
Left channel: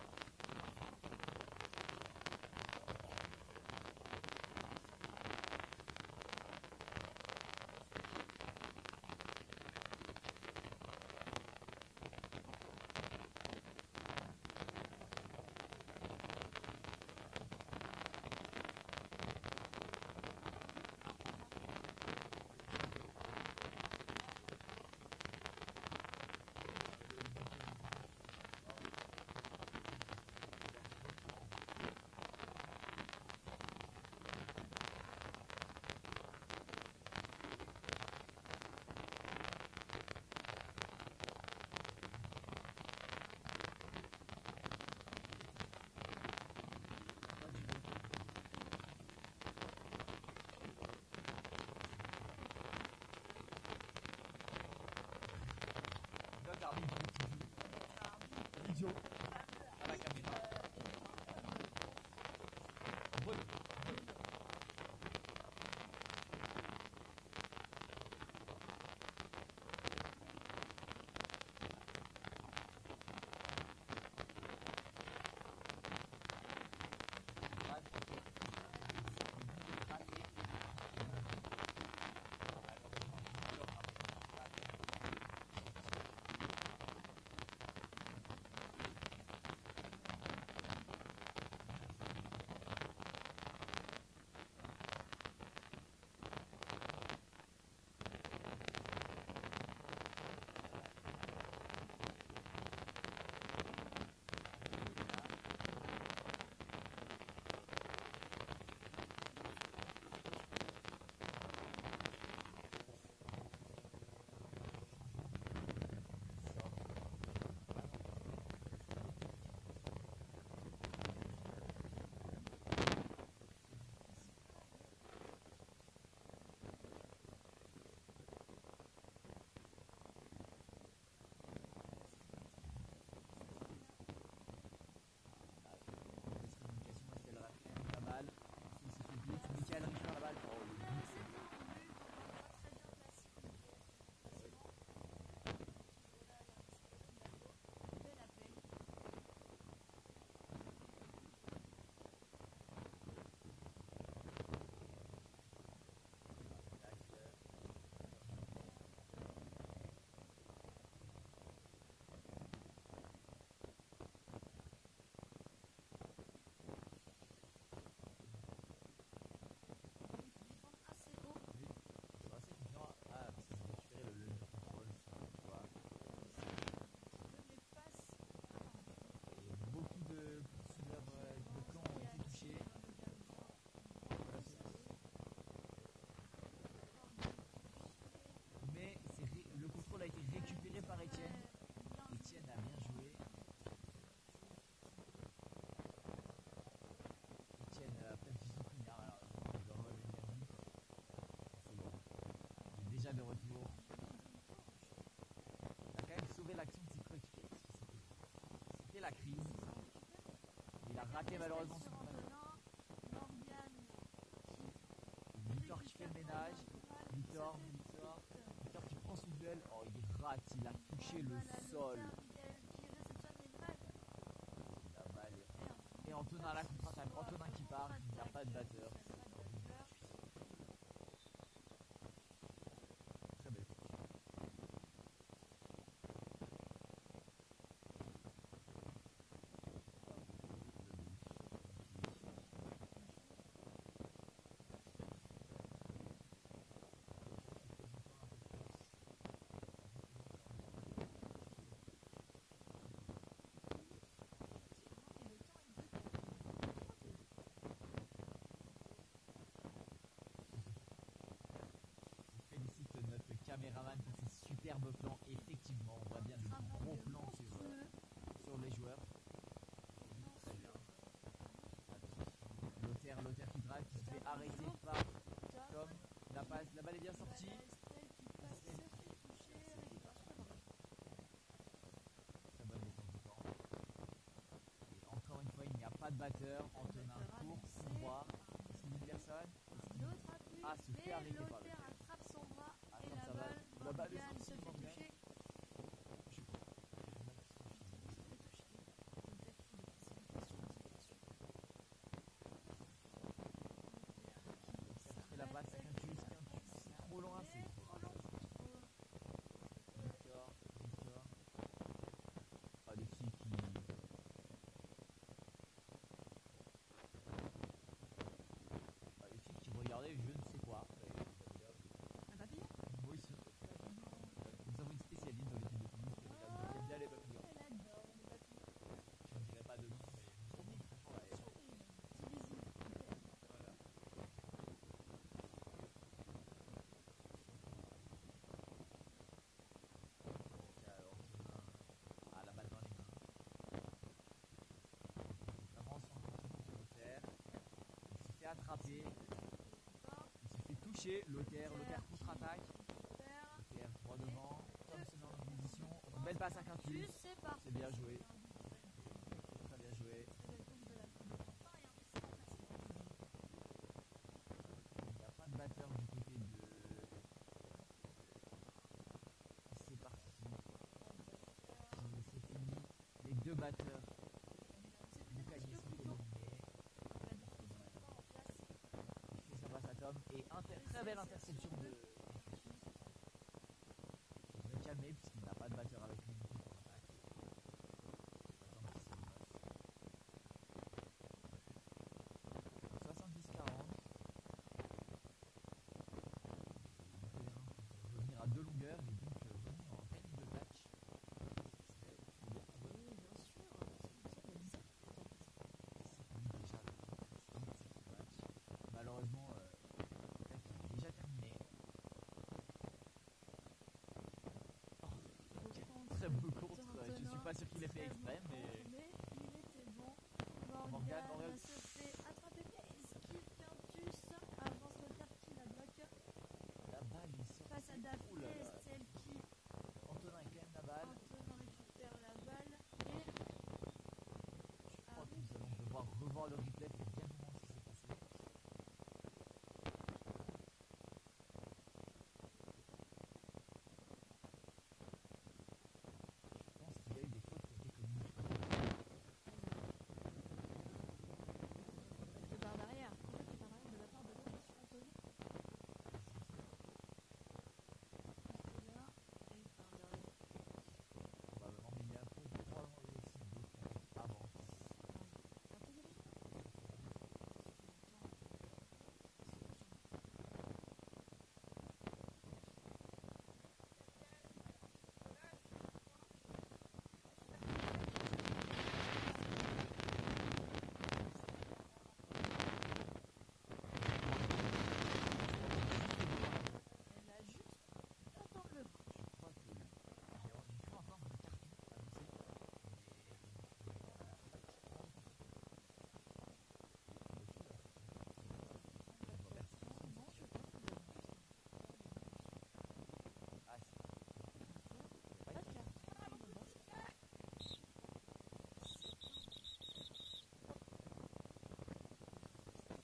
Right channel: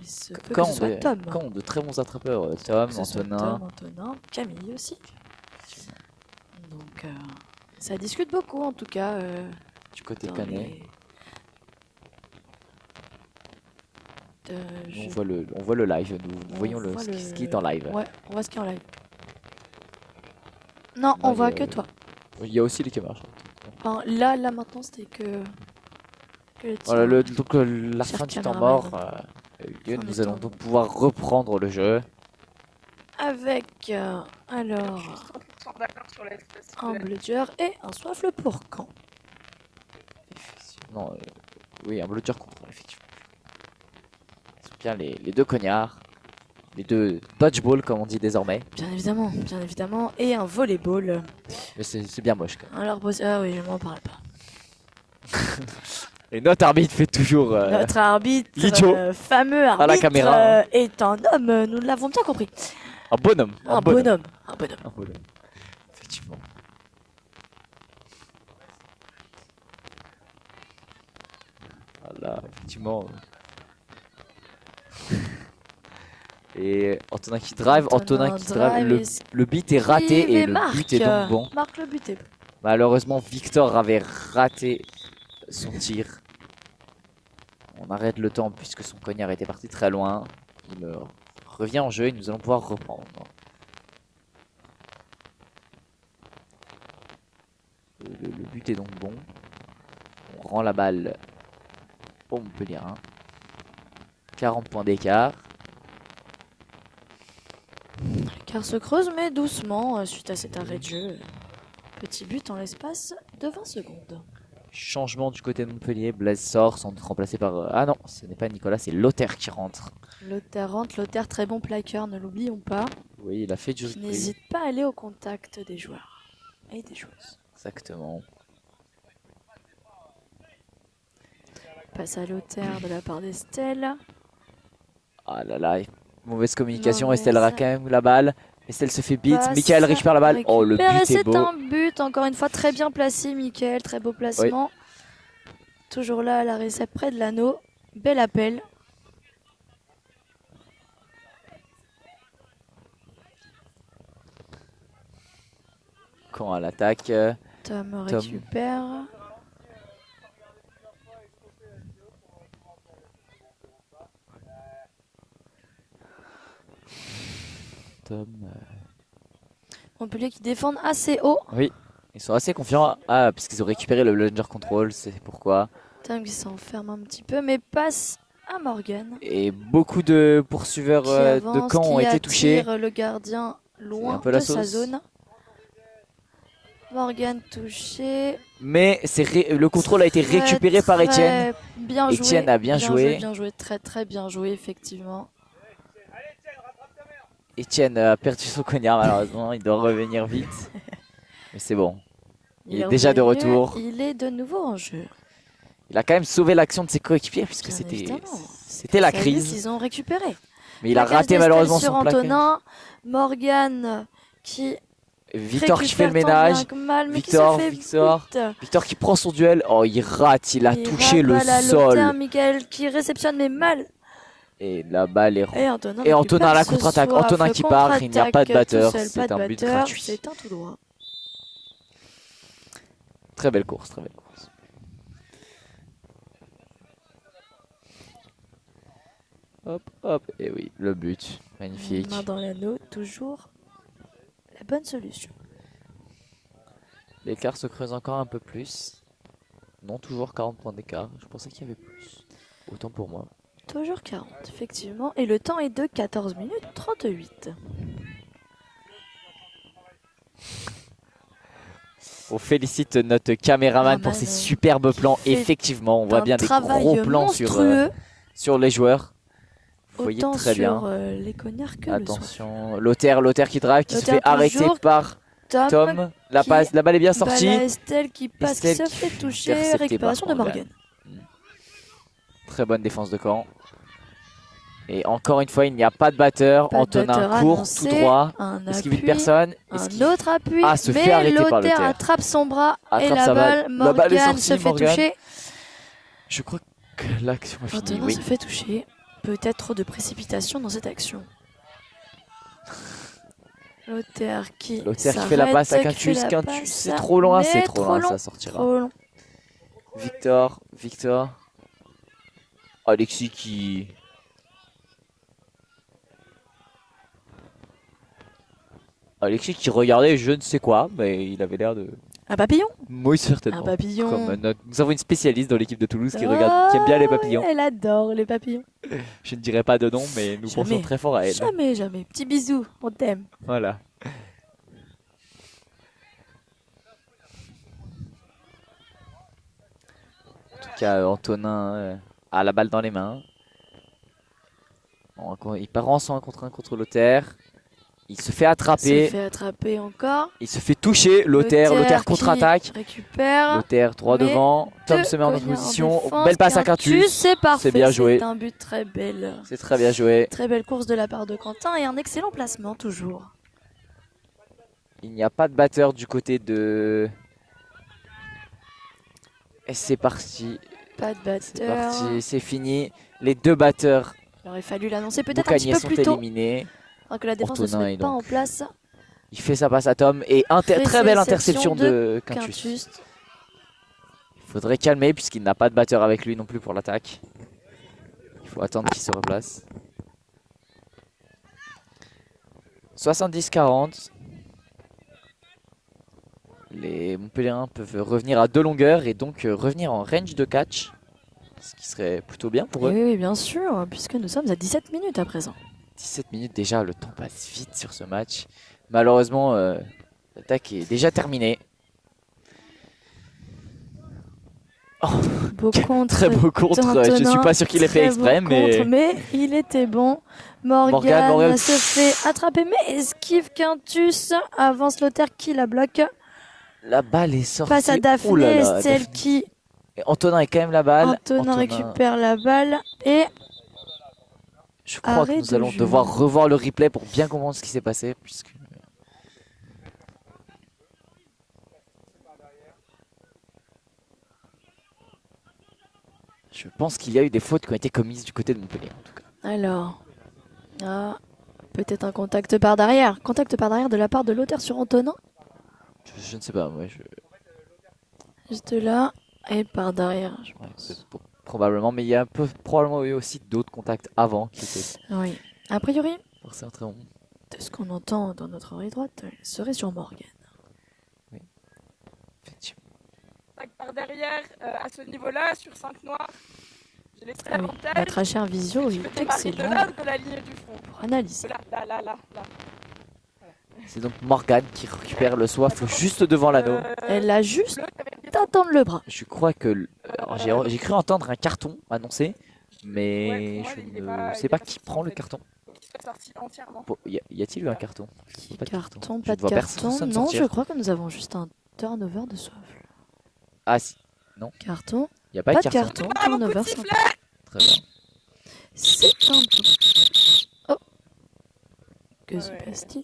Il se peut que ce soit Tom. Caen, de très bons attrapeurs, Tom, Que ce soit Antonin. Tom, Antonin, Camille aussi. Donc ça discute beaucoup en tout cas. Du côté dans canet. les- On voit le live, nous voyons voit ce qui est en live. Ouais, on voit ce qui est en live. Non, on voit que toi. Il y a aussi les caméras. Enfin, là maintenant c'était que le tir. Voilà, donc la Cher fin du temps caméraman. mort a eu lieu. Fin Nous du allons temps. donc pouvoir reprendre le jeu. Avec alors Sans d'accord sur la un bludger et un soifle pour Caen. Non, oui, un bludger contre, effectivement. C'est bien les deux cognards. Les deux dodgeball comme on dit désormais. Bien évidemment, et un volleyball. Mais c'est bien moche quand même. Alors, ah oui, je m'en parle pas. Et notre arbitre fait toujours Notre arbitre, l'idiot fameux arbitre, à la caméra. est un homme, nous l'avons bien compris. un bonhomme. Un bonhomme. Un bonhomme. Effectivement. Voilà, effectivement. Et Antonin qui drive, Antonin qui drive. drive Le beat est raté et et le marque. but est donc bon. Marque le but est bon. Malheureusement, Victor avait raté son tir. On arrête le temps puisque son cognard était parti très loin. Il revient en jeu et nous allons pouvoir reprendre. Le but est donc bon. On rend la balle pour Montpellier. 40 points d'écart. Car se creuse mais doucement suite à cet arrêt de jeu. Petit but en l'espace de 20 secondes. Changement du côté de Montpellier, Blaise sort sans être remplacé par... Ah non, ce n'est pas Nicolas, c'est Lothaire qui rentre. Lothaire rentre, Lothaire très bon plaqueur, ne l'oublions pas. Oui, il a fait du rugby. N'hésite pas à aller au contact des joueurs et des joueuses. Exactement. Passe à Lothaire de la part d'Estelle. Ah là là, mauvaise communication, Mauvaise. Estelle aura quand même la balle. Estelle se fait beat, Passe, Mickaël récupère la balle. Oh, le but est c'est beau. un but, encore une fois très bien placé Mickaël, très beau placement. Toujours là à la réception près de l'anneau. Bel appel. Quand à l'attaque, Tom récupère. Tom... Montpellier qui défendent assez haut. Oui, ils sont assez confiants. Ah, parce qu'ils ont récupéré le plunger control, c'est pourquoi. Tom qui s'enferme un petit peu, mais passe à Morgan. Et beaucoup de poursuiveurs de Caen ont été touchés. Le gardien loin un peu de la sa sauce. zone. Morgan touché. Mais le contrôle a été récupéré par Étienne. Bien Étienne joué, a bien joué. Bien joué, très bien joué effectivement. Étienne a perdu son cognard malheureusement, il doit revenir vite. Mais c'est bon, il est déjà de revenu, retour. Il est de nouveau en jeu. Il a quand même sauvé l'action de ses coéquipiers puisque Bien c'était évidemment. la Ça y est, crise. Ils ont récupéré. Mais il a Plaquage raté d'Estelle malheureusement sur son plaquage. Antonin. Morgan qui Victor qui fait le récupère tant ménage. bien que mal, mais Victor, qui se fait Victor. but. Victor qui prend son duel. Oh, il rate, il a touché le rate à sol. Lothaire, Mickaël qui réceptionne mais mal. Et la balle est... Et Antonin, Et Antonin à la ce contre-attaque. soif, Antonin qui part, il n'y a pas de contre-attaque batteur. tout seul, C'est pas de un but batteur, gratuit. C'est un tout droit. Très belle course, très belle course. Hop, hop. Et oui, le but. Magnifique. Main dans l'anneau, toujours la bonne solution. L'écart se creuse encore un peu plus. Non, toujours 40 points d'écart. Je pensais qu'il y avait plus. Autant pour moi. Toujours 40, effectivement. Et le temps est de 14 minutes 38. On félicite notre caméraman pour ses superbes plans. Effectivement, on voit bien des gros plans sur les joueurs. Vous voyez autant très bien. sur les cognards que attention, Lothaire qui drive, qui se Lothaire fait arrêter par Tom. La balle est bien sortie. Estelle qui passe, Estelle qui se fait toucher. interceptée Récupération par de Morgan. Très bonne défense de Caen. Et encore une fois, il n'y a pas de batteur. Antonin court tout droit. Est-ce qu'il vit personne? Un autre appui. Se fait arrêter par Lothaire Lothaire. attrape son bras et Attrape la sa balle. balle. Morgan est sortie, se fait Morgan. toucher. Je crois que l'action est finie. Antonin Oui. se fait toucher. Peut-être trop de précipitation dans cette action. Lothaire qui fait la passe à Quintus. Quintus, c'est trop loin, ça sortira. Trop long. Victor. Alexis qui... regardait je ne sais quoi, mais il avait l'air de... Un papillon? Oui, certainement. Un papillon. Nous avons une spécialiste dans l'équipe de Toulouse qui aime bien les papillons. Elle adore les papillons. Je ne dirai pas de nom, mais nous pensons très fort à elle. Jamais. Petit bisou, on t'aime. Voilà. En tout cas, Antonin a la balle dans les mains. Il part en 1 contre 1 contre Lothaire. Il se fait attraper. Il se fait attraper encore. Il se fait toucher. Lothaire contre-attaque. Récupère. Lothaire droit devant. Tom se met en position. Belle passe à Quintus. C'est parfait. C'est bien joué. C'est un but très belle. C'est très bien joué. Très belle course de la part de Quentin et un excellent placement toujours. Il n'y a pas de batteur du côté de... Et c'est parti. Pas de batteur. C'est parti, c'est fini. Les deux batteurs. Il aurait fallu l'annoncer peut-être un petit peu plus tôt. Éliminés. Alors que la défense ne se met pas en place. Il fait sa passe à Tom et très belle interception de Quintus. Il faudrait calmer puisqu'il n'a pas de batteur avec lui non plus pour l'attaque. Il faut attendre qu'il se replace. 70-40. Les Montpelliérains peuvent revenir à 2 longueurs et donc revenir en range de catch. Ce qui serait plutôt bien pour eux. Oui, bien sûr, puisque nous sommes à 17 minutes à présent. 17 minutes déjà, le temps passe vite sur ce match. Malheureusement, l'attaque est déjà terminée. Oh, Beau contre. très beau contre, je suis pas sûr qu'il ait fait exprès, mais il était bon. Morgan se fait attraper, mais esquive Quintus, avance Lothaire qui la bloque. La balle est sortie. Passe à Daphné, celle qui... Antonin est quand même la balle. Antonin récupère la balle et... Je crois que nous allons devoir revoir le replay pour bien comprendre ce qui s'est passé. Puisque... Je pense qu'il y a eu des fautes qui ont été commises du côté de Montpellier en tout cas. Alors, peut-être un contact par derrière. Contact par derrière de la part de Lothaire sur Antonin. Je ne sais pas, moi Juste là et par derrière, je pense. Probablement, mais il y a probablement eu aussi d'autres contacts avant qui étaient... Oui, a priori, très bon. de ce qu'on entend dans notre oreille droite, il serait sur Morgan. Oui, effectivement. Par derrière, à ce niveau-là, sur 5 noirs, j'ai l'extrait avantage. Notre HR visio est excellent de la ligne du front. pour analyser. Là. C'est donc Morgan qui récupère le soif juste devant l'anneau. Elle a juste à tendre le bras. Je crois que... J'ai cru entendre un carton annoncé, mais je ne sais pas qui prend le carton. Y a-t-il eu un carton? Pas de carton. Non, je crois que nous avons juste un turnover de soif. Ah si, non. Carton. Il n'y a pas de carton. Turnover simple. Très bien. C'est un peu... Oh. Que se passe-t-il?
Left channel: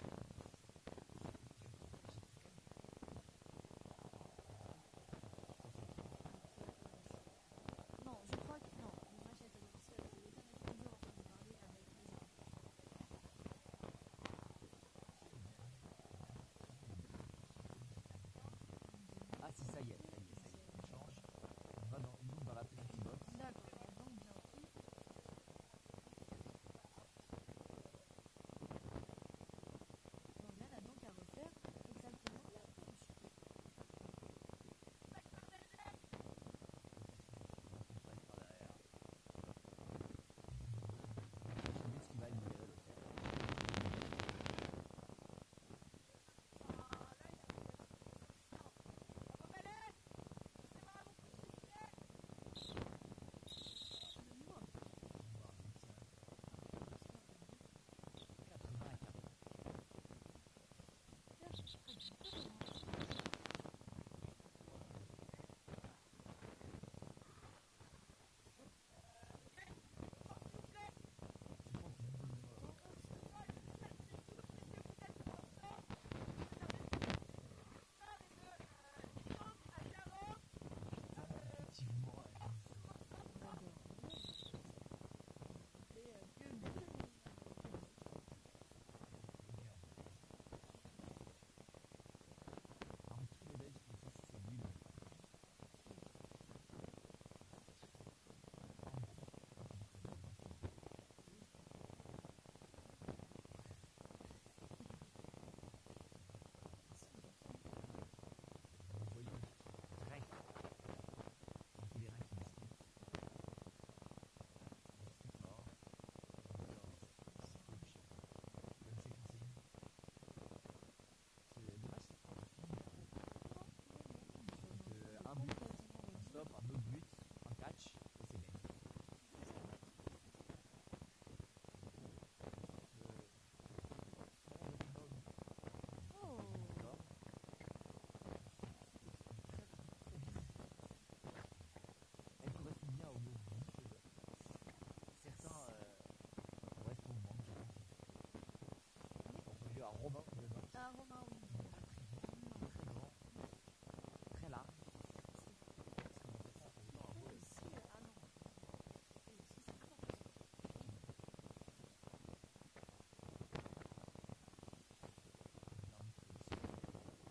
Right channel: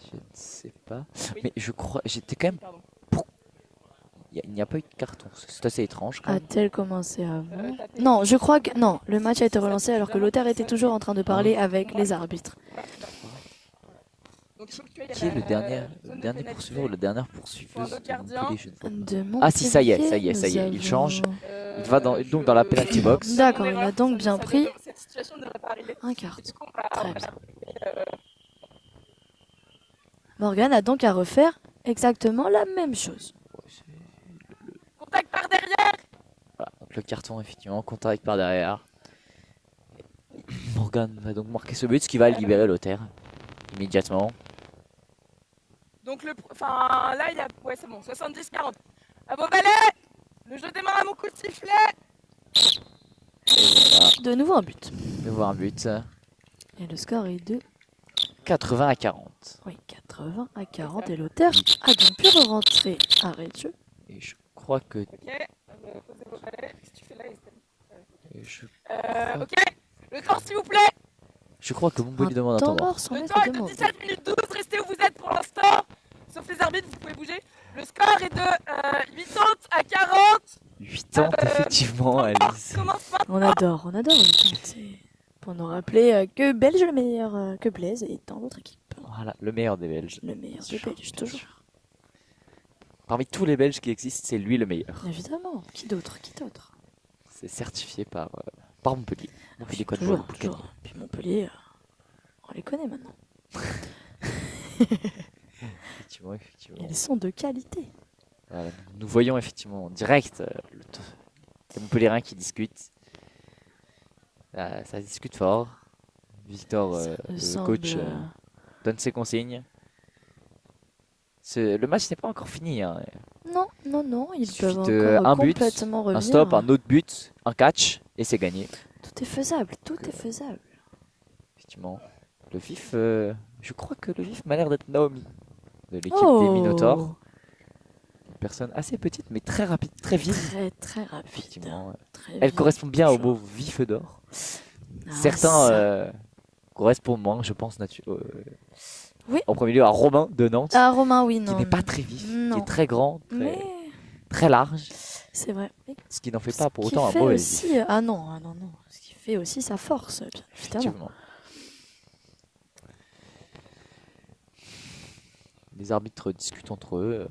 Je ne sais pas. Mais je crois... J'étais quand même... Il n'y a pas eu de carton. C'est assez étrange. A-t-elle commencé avant? Non, je crois que... Non, le match a été relancé alors que Lothaire était toujours en train de parler avec les arbitres. Qui est le dernier poursuiveur ou la dernière poursuiveuse de Montpellier? Ah si, ça y est, il change. Il va donc dans la penalty box. D'accord, il a donc bien pris un carton. Très bien. Morgan a donc à refaire exactement la même chose. Contact par derrière. Voilà, donc le carton effectivement, contact par derrière. Morgan va donc marquer ce but, ce qui va libérer Lothaire immédiatement. Donc là il y a... Ouais c'est bon, 70-40. À vos valets. Le jeu démarre à mon coup de sifflet. Voilà. De nouveau un but. De voir un but. Et le score est de 80-40. Oui, 80-40 et Lothaire a donc pu rentrer arrêt de jeu. Et je crois que... Ok, posez vos valets. Qu'est-ce que tu fais là? Ok, le temps s'il vous plaît. Je crois que Montpellier demande un temps mort. Le temps est de 17 minutes 12, restez où vous êtes pour l'instant. Sauf les arbitres, vous pouvez bouger. Le score est de 80-40. 80 effectivement, Alice. On adore 80. C'est pour nous rappeler que Belge le meilleur, que Blaise et tant d'autres équipes. Voilà, le meilleur des Belges. Le meilleur des Belges, toujours. Parmi tous les Belges qui existent, c'est lui le meilleur. Évidemment, qui d'autre? C'est certifié par Montpellier. Montpellier quoi toujours. Puis Montpellier, on les connaît maintenant. Effectivement. Ils sont de qualité. Voilà, nous voyons effectivement en direct les Montpelliérains qui discutent. Ça discute fort. Victor, le coach, donne ses consignes. Le match n'est pas encore fini. Hein. Non, ils peuvent encore un but, complètement revenir. Un stop, un autre but, un catch, et c'est gagné. Tout est faisable, Effectivement. Le vif, je crois que le vif m'a l'air d'être Naomi, de l'équipe des Minotaurs. Une personne assez petite, mais très rapide, très vive. Très rapide. Effectivement, très elle correspond bien au mot vif d'or. Certains correspondent moins, je pense, oui. En premier lieu à Romain de Nantes. Ah, Romain, oui, non. Qui n'est pas très vif, qui est très grand, très large. C'est vrai. Ce qui n'en fait pas pour autant un mauvais aussi, vif. Ah non. Ce qui fait aussi sa force, bien évidemment. Les arbitres discutent entre eux.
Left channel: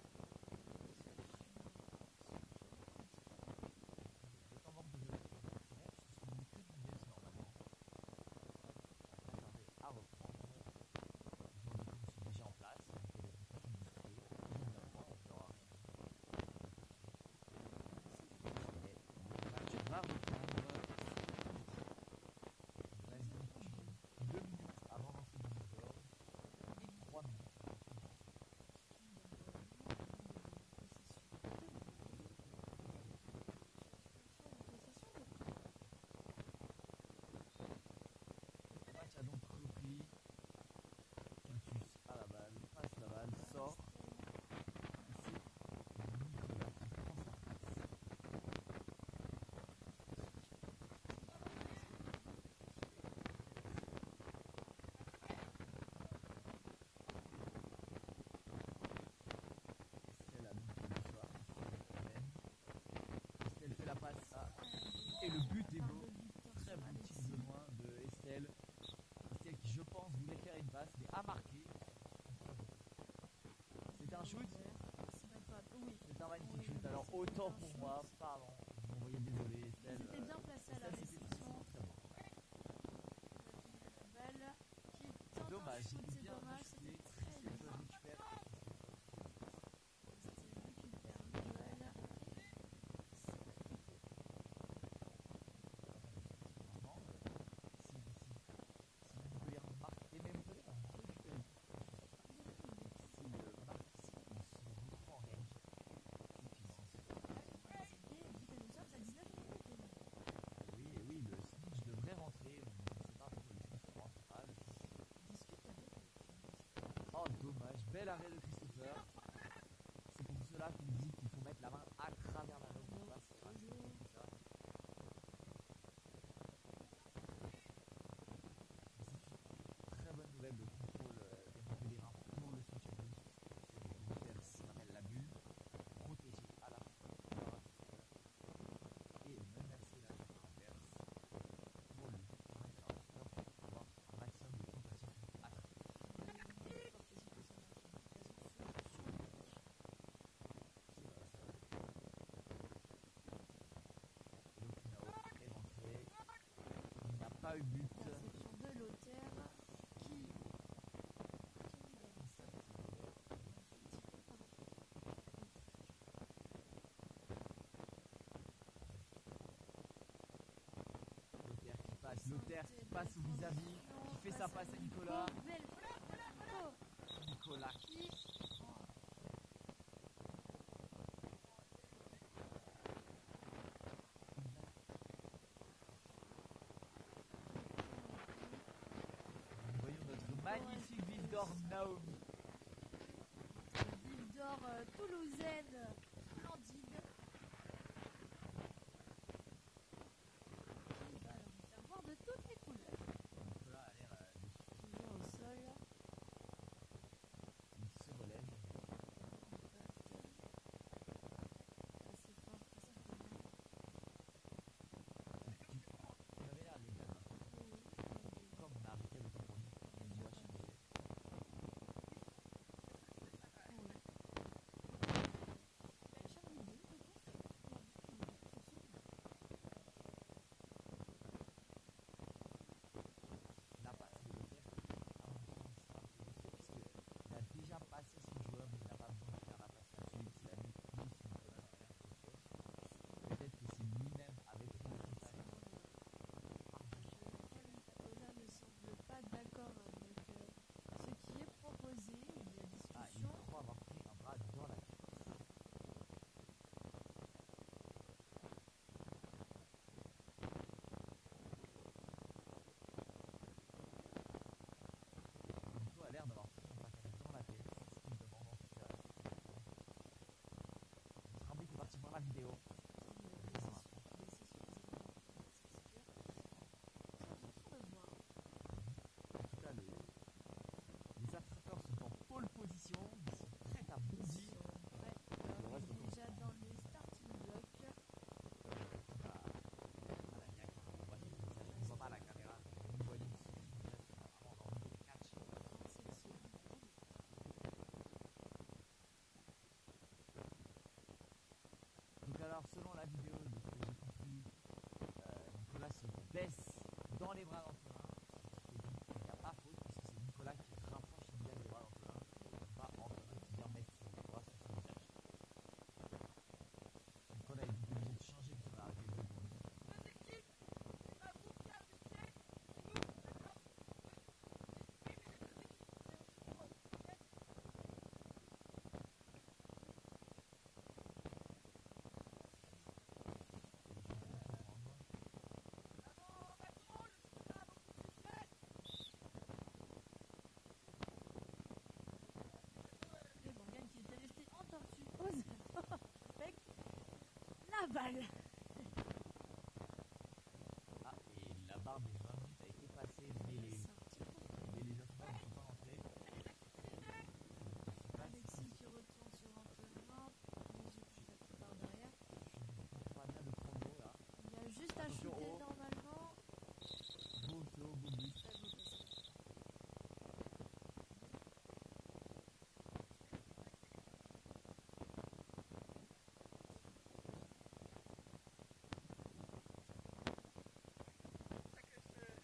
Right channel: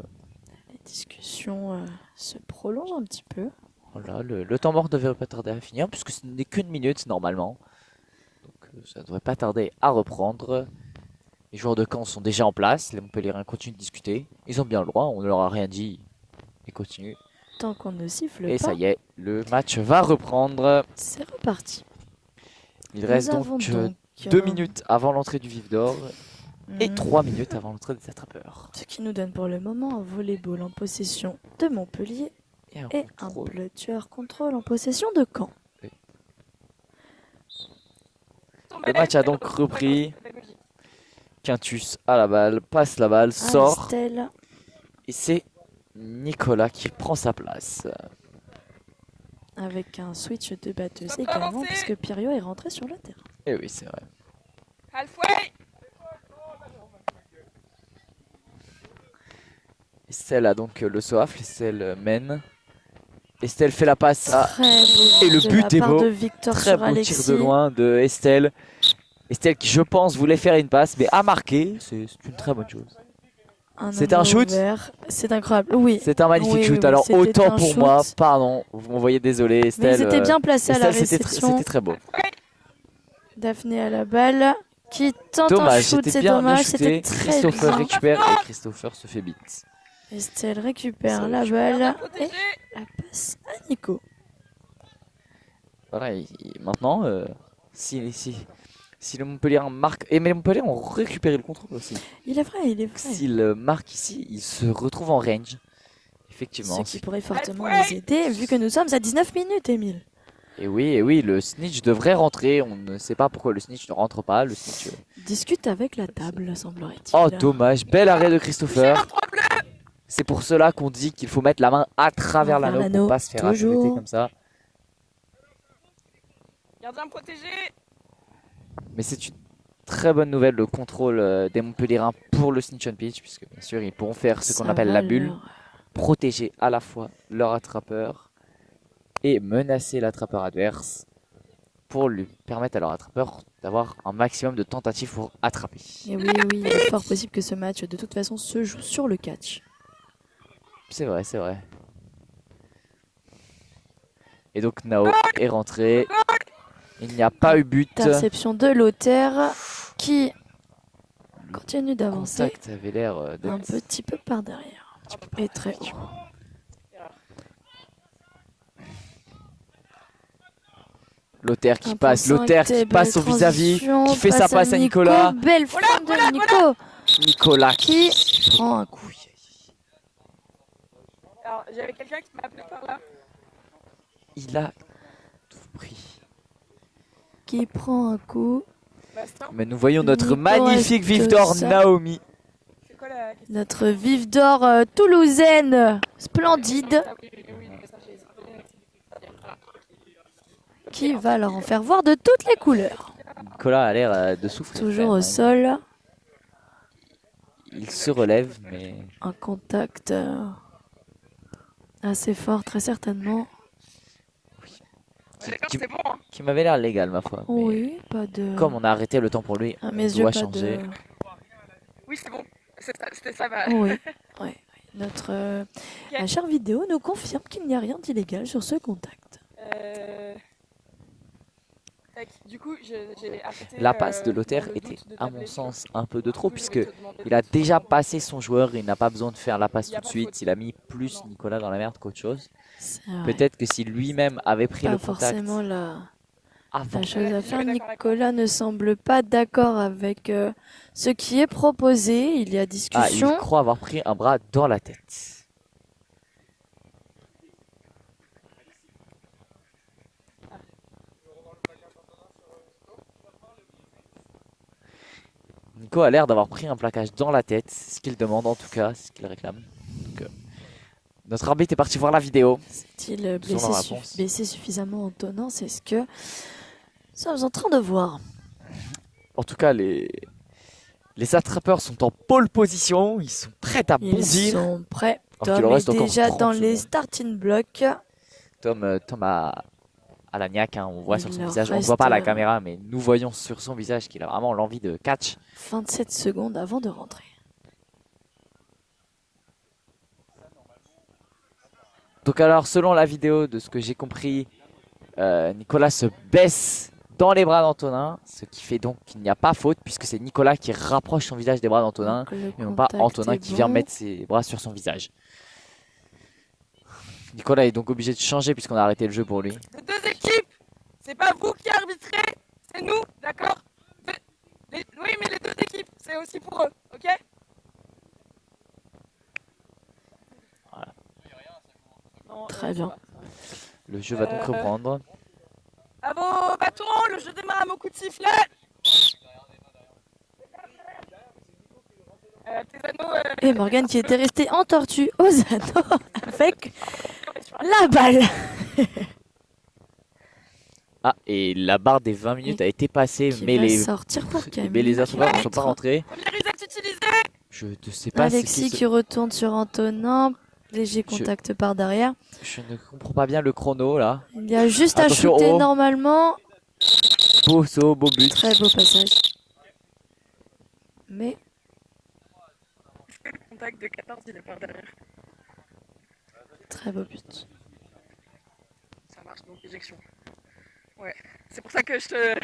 La discussion se prolonge un petit peu. Voilà, le temps mort ne devrait pas tarder à finir, puisque ce n'est qu'une minute normalement. Donc ça ne devrait pas tarder à reprendre. Les joueurs de camp sont déjà en place, les Montpelliérains continuent de discuter. Ils ont bien le droit, on ne leur a rien dit. Ils continuent. Tant qu'on ne siffle pas. Et ça y est, le match va reprendre. C'est reparti. Il reste donc 2 minutes avant l'entrée du vif d'or et 3 minutes avant l'entrée des attrapeurs. Ce qui nous donne pour le moment un volleyball en possession de Montpellier et un bleu tueur contrôle en possession de Caen. Oui. Le match a donc repris. Quintus à la balle, passe la balle, sort. Estelle. Et c'est Nicolas qui prend sa place. Avec un switch de batteuse également, puisque Pirio est rentré sur le terrain. Et oui, c'est vrai. Halfway. Estelle a donc le soif, Estelle mène. Estelle fait la passe à... Très beau Et le de but la est part beau. de Victor Très sur beau Alexis. tir de loin de Estelle. Estelle qui, je pense, voulait faire une passe, mais a marqué. C'est une très bonne chose. C'était un shoot. C'est incroyable, oui. C'est un magnifique Oui, shoot. oui, Alors c'était autant un pour shoot. moi, pardon, vous m'envoyez désolé Estelle. Mais ils étaient bien placés à la Estelle, réception. c'était très beau. Daphné à la balle, qui tente Dommage, un shoot, c'était c'est bien dommage, shooté. c'était très Christopher bien. récupère et Christopher se fait beat. Estelle récupère Ça la récupère. balle et Protégé. la passe à Nico. Voilà, maintenant, si le Montpellier marque... Et mais les Montpellier ont récupéré le contrôle aussi. Il est vrai, il est vrai. S'il marque ici, il se retrouve en range. Effectivement. Ce qui pourrait fortement les aider, vu que nous sommes à 19 minutes, Émile. Et oui, le snitch devrait rentrer. On ne sait pas pourquoi le snitch ne rentre pas. Le snitch... Discute avec la table, semblerait-il. Oh, dommage. Bel arrêt de Christopher. C'est pour cela qu'on dit qu'il faut mettre la main à travers Envers l'anneau l'anneau, pour pas se faire toujours. arrêter comme ça. Gardien protégé. Mais c'est une très bonne nouvelle, le contrôle des Montpellierins pour le snitch on pitch, puisque bien sûr ils pourront faire ce qu'on Ça appelle va la bulle, leur- protéger à la fois leur attrapeur et menacer l'attrapeur adverse pour lui permettre à leur attrapeur d'avoir un maximum de tentatives pour attraper. Et oui, oui, il est fort possible que ce match, de toute façon, se joue sur le catch. C'est vrai, c'est vrai. Et donc Nao est rentré. Il n'y a pas eu but. Interception de Lothaire qui continue Le d'avancer contact avait l'air de... un petit peu par derrière. Et très haut. Lothaire qui 1.5, passe, Lothaire qui belle passe au vis-à-vis, transition, qui fait sa passe à Nicolas. Belle frappe de Nico Nicolas qui prend un coup. Alors, j'avais quelqu'un qui m'a appelé par là. Il a tout pris. Qui prend un coup. Bastien. Mais nous voyons notre Nico magnifique reste vif d'or ça. Naomi. C'est quoi la question? Notre vive d'or toulousaine splendide Ah oui, mais ça, j'ai- qui va leur en faire voir de toutes les couleurs. Nicolas a l'air de souffrir. Toujours quand au même. sol. Il se relève, mais Un contact assez fort, très certainement. D'accord, qui- c'est bon. Hein. qui m'avait l'air légal ma foi. Mais Oui, pas de. comme on a arrêté le temps pour lui, à mes on yeux, doit pas changer. de. Oui, c'est bon. C'était ça, ma... Oui, oui. Notre la chère vidéo nous confirme qu'il n'y a rien d'illégal sur ce contact. Tac, du coup, j'ai arrêté, La passe de Lothaire dans le était, doute de à ta mon blessure. sens, un peu de Du trop, coup, puisque j'aurais te demandé il a de- déjà passé son joueur, il n'a pas besoin de faire la passe Il y a tout de pas suite. faute. Il a mis plus Nicolas dans la merde qu'autre chose. C'est vrai. Peut-être que si lui-même avait pris Pas le contact forcément avant, la chose à Ouais, faire. je suis d'accord Nicolas ne semble pas d'accord avec ce qui est proposé. Il y a ah, il discussion. croit avoir pris un bras dans la tête. Nico a l'air d'avoir pris un plaquage dans la tête, c'est ce qu'il demande en tout cas, c'est ce qu'il réclame. Donc, notre arbitre est parti voir la vidéo. Est-il Selon la réponse. blessé suffisamment en tenant? C'est ce que nous sommes en train de voir. En tout cas, les attrapeurs sont en pole position, ils sont prêts à Ils bondir. sont prêts. Alors qu'il Tom en reste est encore déjà 30 dans les secondes. starting blocks. Tom a la niaque, hein, on voit Il sur son leur visage, on ne voit pas à la reste, caméra, mais nous voyons sur son visage qu'il a vraiment l'envie de catch. 27 secondes avant de rentrer. Donc alors, selon la vidéo, de ce que j'ai compris, Nicolas se baisse dans les bras d'Antonin, ce qui fait donc qu'il n'y a pas faute, puisque c'est Nicolas qui rapproche son visage des bras d'Antonin, Donc, le et non pas contact Antonin est qui vient bon. mettre ses bras sur son visage. Nicolas est donc obligé de changer puisqu'on a arrêté le jeu pour lui. C'est deux équipes. C'est pas vous qui arbitrez, c'est nous, d'accord? c'est aussi pour eux, ok? Voilà. Très bien. Le jeu va donc reprendre. À vos bâtons, le jeu démarre à mon coup de sifflet. Tes anneaux, Et Morgane qui était restée en tortue aux anneaux avec la balle. Ah, et la barre des 20 minutes a été passée, Qui mais va les, sortir pour Camille. mais les assombeurs ne sont pas rentrés. Premier reset utilisé. Je ne sais pas Alexis qui retourne sur Antonin. Léger contact par derrière. Je ne comprends pas bien le chrono là. Il y a juste Attention, à shooter oh. normalement. Beau saut, beau but. Très beau passage. Mais Le contact de 14, il est par derrière. très beau but. Ça marche, donc éjection. Ouais, c'est pour ça que je te...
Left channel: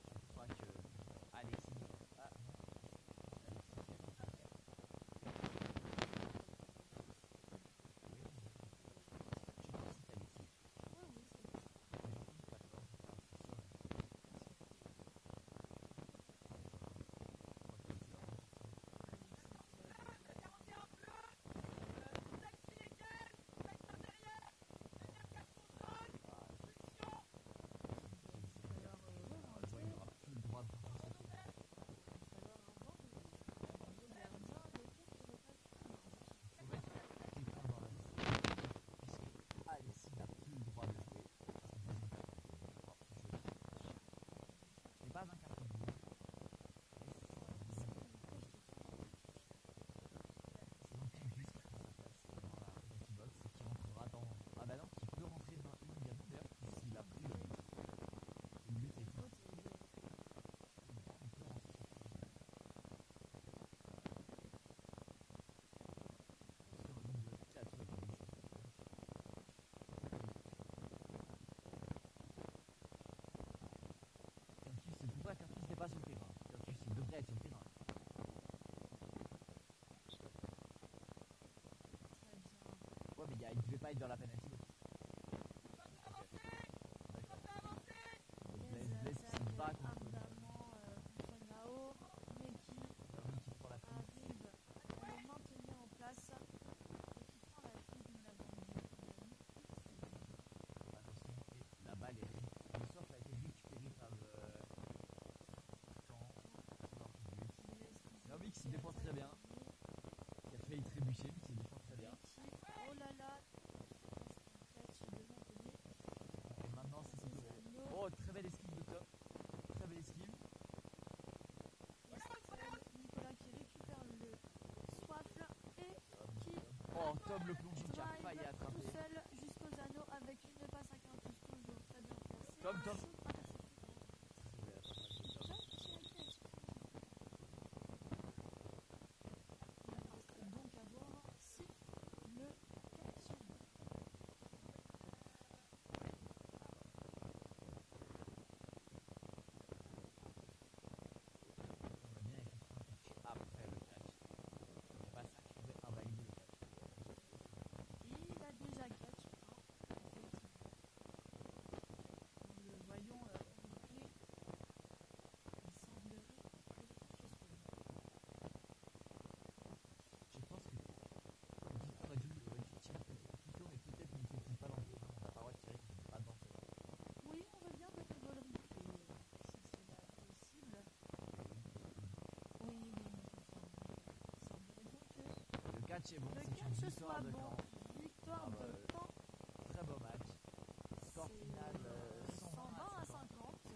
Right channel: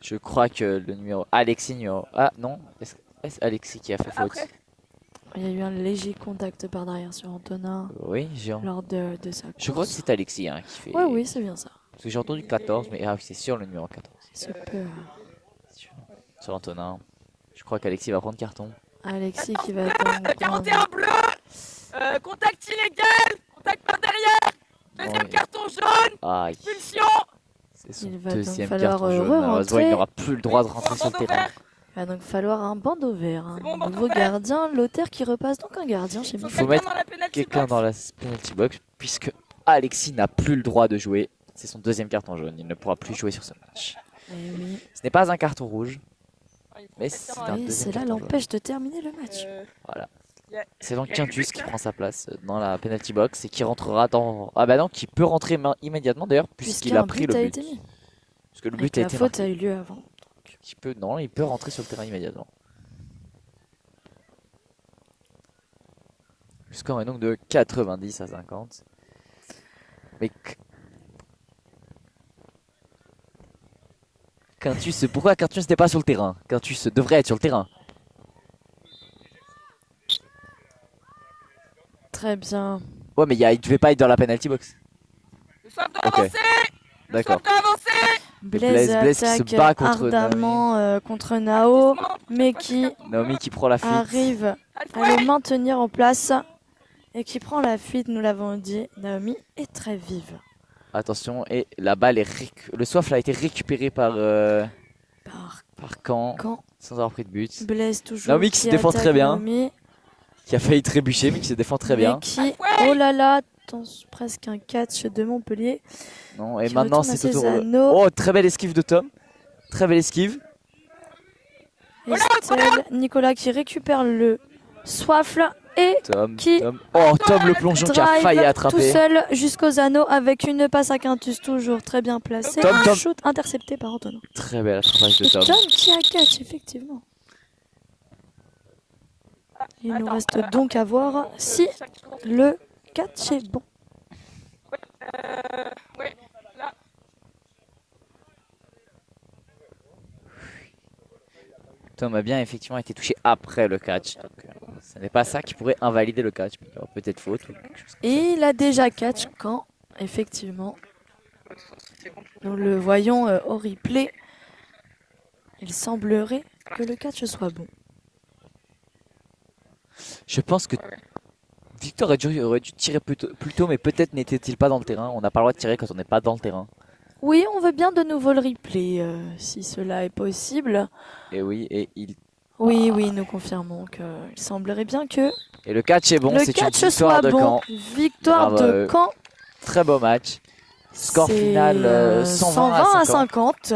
Je crois que le numéro Alexis numéro... Ah non, est-ce Alexis qui a fait faute? Après. Il y a eu un léger contact par derrière sur Antonin Oui, j'ai... lors de sa course. Je crois que c'est Alexis hein, qui fait... Ouais, oui, c'est bien ça. Parce que j'ai entendu 14, mais ah, c'est sûr le numéro 14. Ce peut. Sur Antonin. Je crois qu'Alexis va prendre carton. Alexis qui va donc 41 bleu. Contact illégal. Contact par derrière. Deuxième Ouais. carton jaune. Aïe, Expulsion. c'est son Il va donc deuxième falloir, carton jaune. Malheureusement, re-rentrer. il n'aura plus le droit de rentrer sur le Bandeau terrain. vert. Il va donc falloir un bandeau vert. Un C'est bon, bandeau nouveau vert. gardien. Lothaire qui repasse donc un gardien chez Faut Michel. faut mettre dans la penalty Quelqu'un box. dans la penalty box, puisque Alexis n'a plus le droit de jouer. C'est son deuxième carton jaune. Il ne pourra plus jouer sur ce match. Eh oui. Ce n'est pas un carton rouge, Ah, il faut mais quelqu'un c'est dans un la- Et deuxième cela carton jaune. l'empêche de terminer le match. Voilà. y a- C'est donc y a Quintus quelqu'un qui prend sa place dans la penalty box et qui rentrera dans... Ah bah non, qui peut rentrer immédiatement d'ailleurs puisqu'il a Puisqu'un pris but le a but. été mis. Parce que le Et but que a la été faute marqué. a eu lieu avant. Non, il peut rentrer sur le terrain immédiatement. Le score est donc de 90 à 50. Mais Quintus, pourquoi Quintus n'était pas sur le terrain? Quintus devrait être sur le terrain. Très bien. Ouais, mais il devait pas être dans la penalty box. Le soif doit Ok. avancer. Le D'accord. soif doit avancer. Blaise Blaise qui se attaque bat contre ardemment contre Nao, mais qui Naomi qui prend la fuite. arrive à le maintenir en place et qui prend la fuite, nous l'avons dit. Naomi est très vive. Attention, et la balle est le soif a été récupéré par Par Caen quand sans avoir pris de but. Blaise toujours. Naomi qui se défend attaque très bien. Naomi, Qui a failli trébucher mais qui se défend très mais bien. qui, oh là là, presque un catch de Montpellier. Non, et qui maintenant retourne à c'est au ses tour. anneaux. Oh, très belle esquive de Tom. Très belle esquive. Estelle, Nicolas qui récupère le soifle et Tom, qui Tom. Oh, Tom le plongeon qui a failli drive tout attraper. seul jusqu'aux anneaux avec une passe à Quintus toujours très bien placée. Tom, Un Tom. shoot intercepté par Antonin. Très belle attrapage de Tom. Tom qui a catch effectivement. Il nous reste donc à voir si le catch est bon. Ouais, là. Tom a bien effectivement été touché après le catch. Donc, ce n'est pas ça qui pourrait invalider le catch. Alors, peut-être faute ou quelque chose. Et il a déjà catch quand effectivement nous le voyons au replay. Il semblerait que le catch soit bon. Je pense que Victor aurait dû tirer plus tôt, mais peut-être n'était-il pas dans le terrain. On n'a pas le droit de tirer quand on n'est pas dans le terrain. Oui, on veut bien de nouveau le replay si cela est possible. Et oui, et il... Oui, oui, nous confirmons qu'il semblerait bien que Et le catch est bon, le c'est une catch victoire soit de bon. Caen. Victoire Bravo à de eux. Caen. Très beau match. Score C'est, final 120 à 50.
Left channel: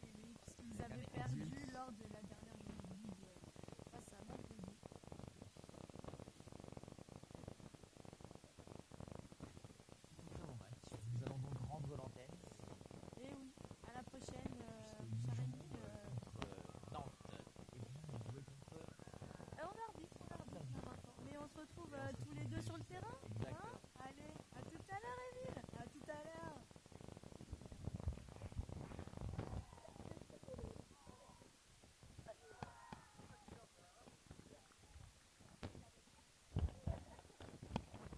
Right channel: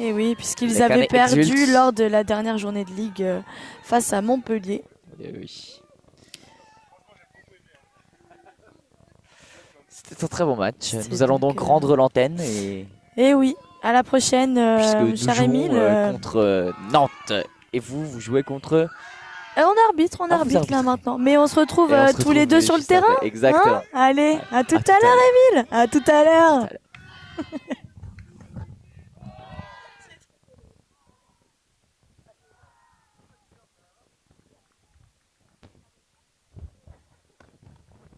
Et oui, puisqu'ils Les avaient Canets perdu exultent. lors de la dernière journée de ligue face à Montpellier. Et oui. C'était un très bon match. C'est Nous allons donc, donc rendre l'antenne et Et oui, à la prochaine, puisque nous cher jouons Émile. contre Nantes et vous jouez contre... On arbitre vous là arbitrez. maintenant. Mais on se retrouve Et on se tous les retrouve deux sur le juste après. terrain. Exactement. Hein Allez, à tout tout à à l'heure Émile. À tout à l'heure.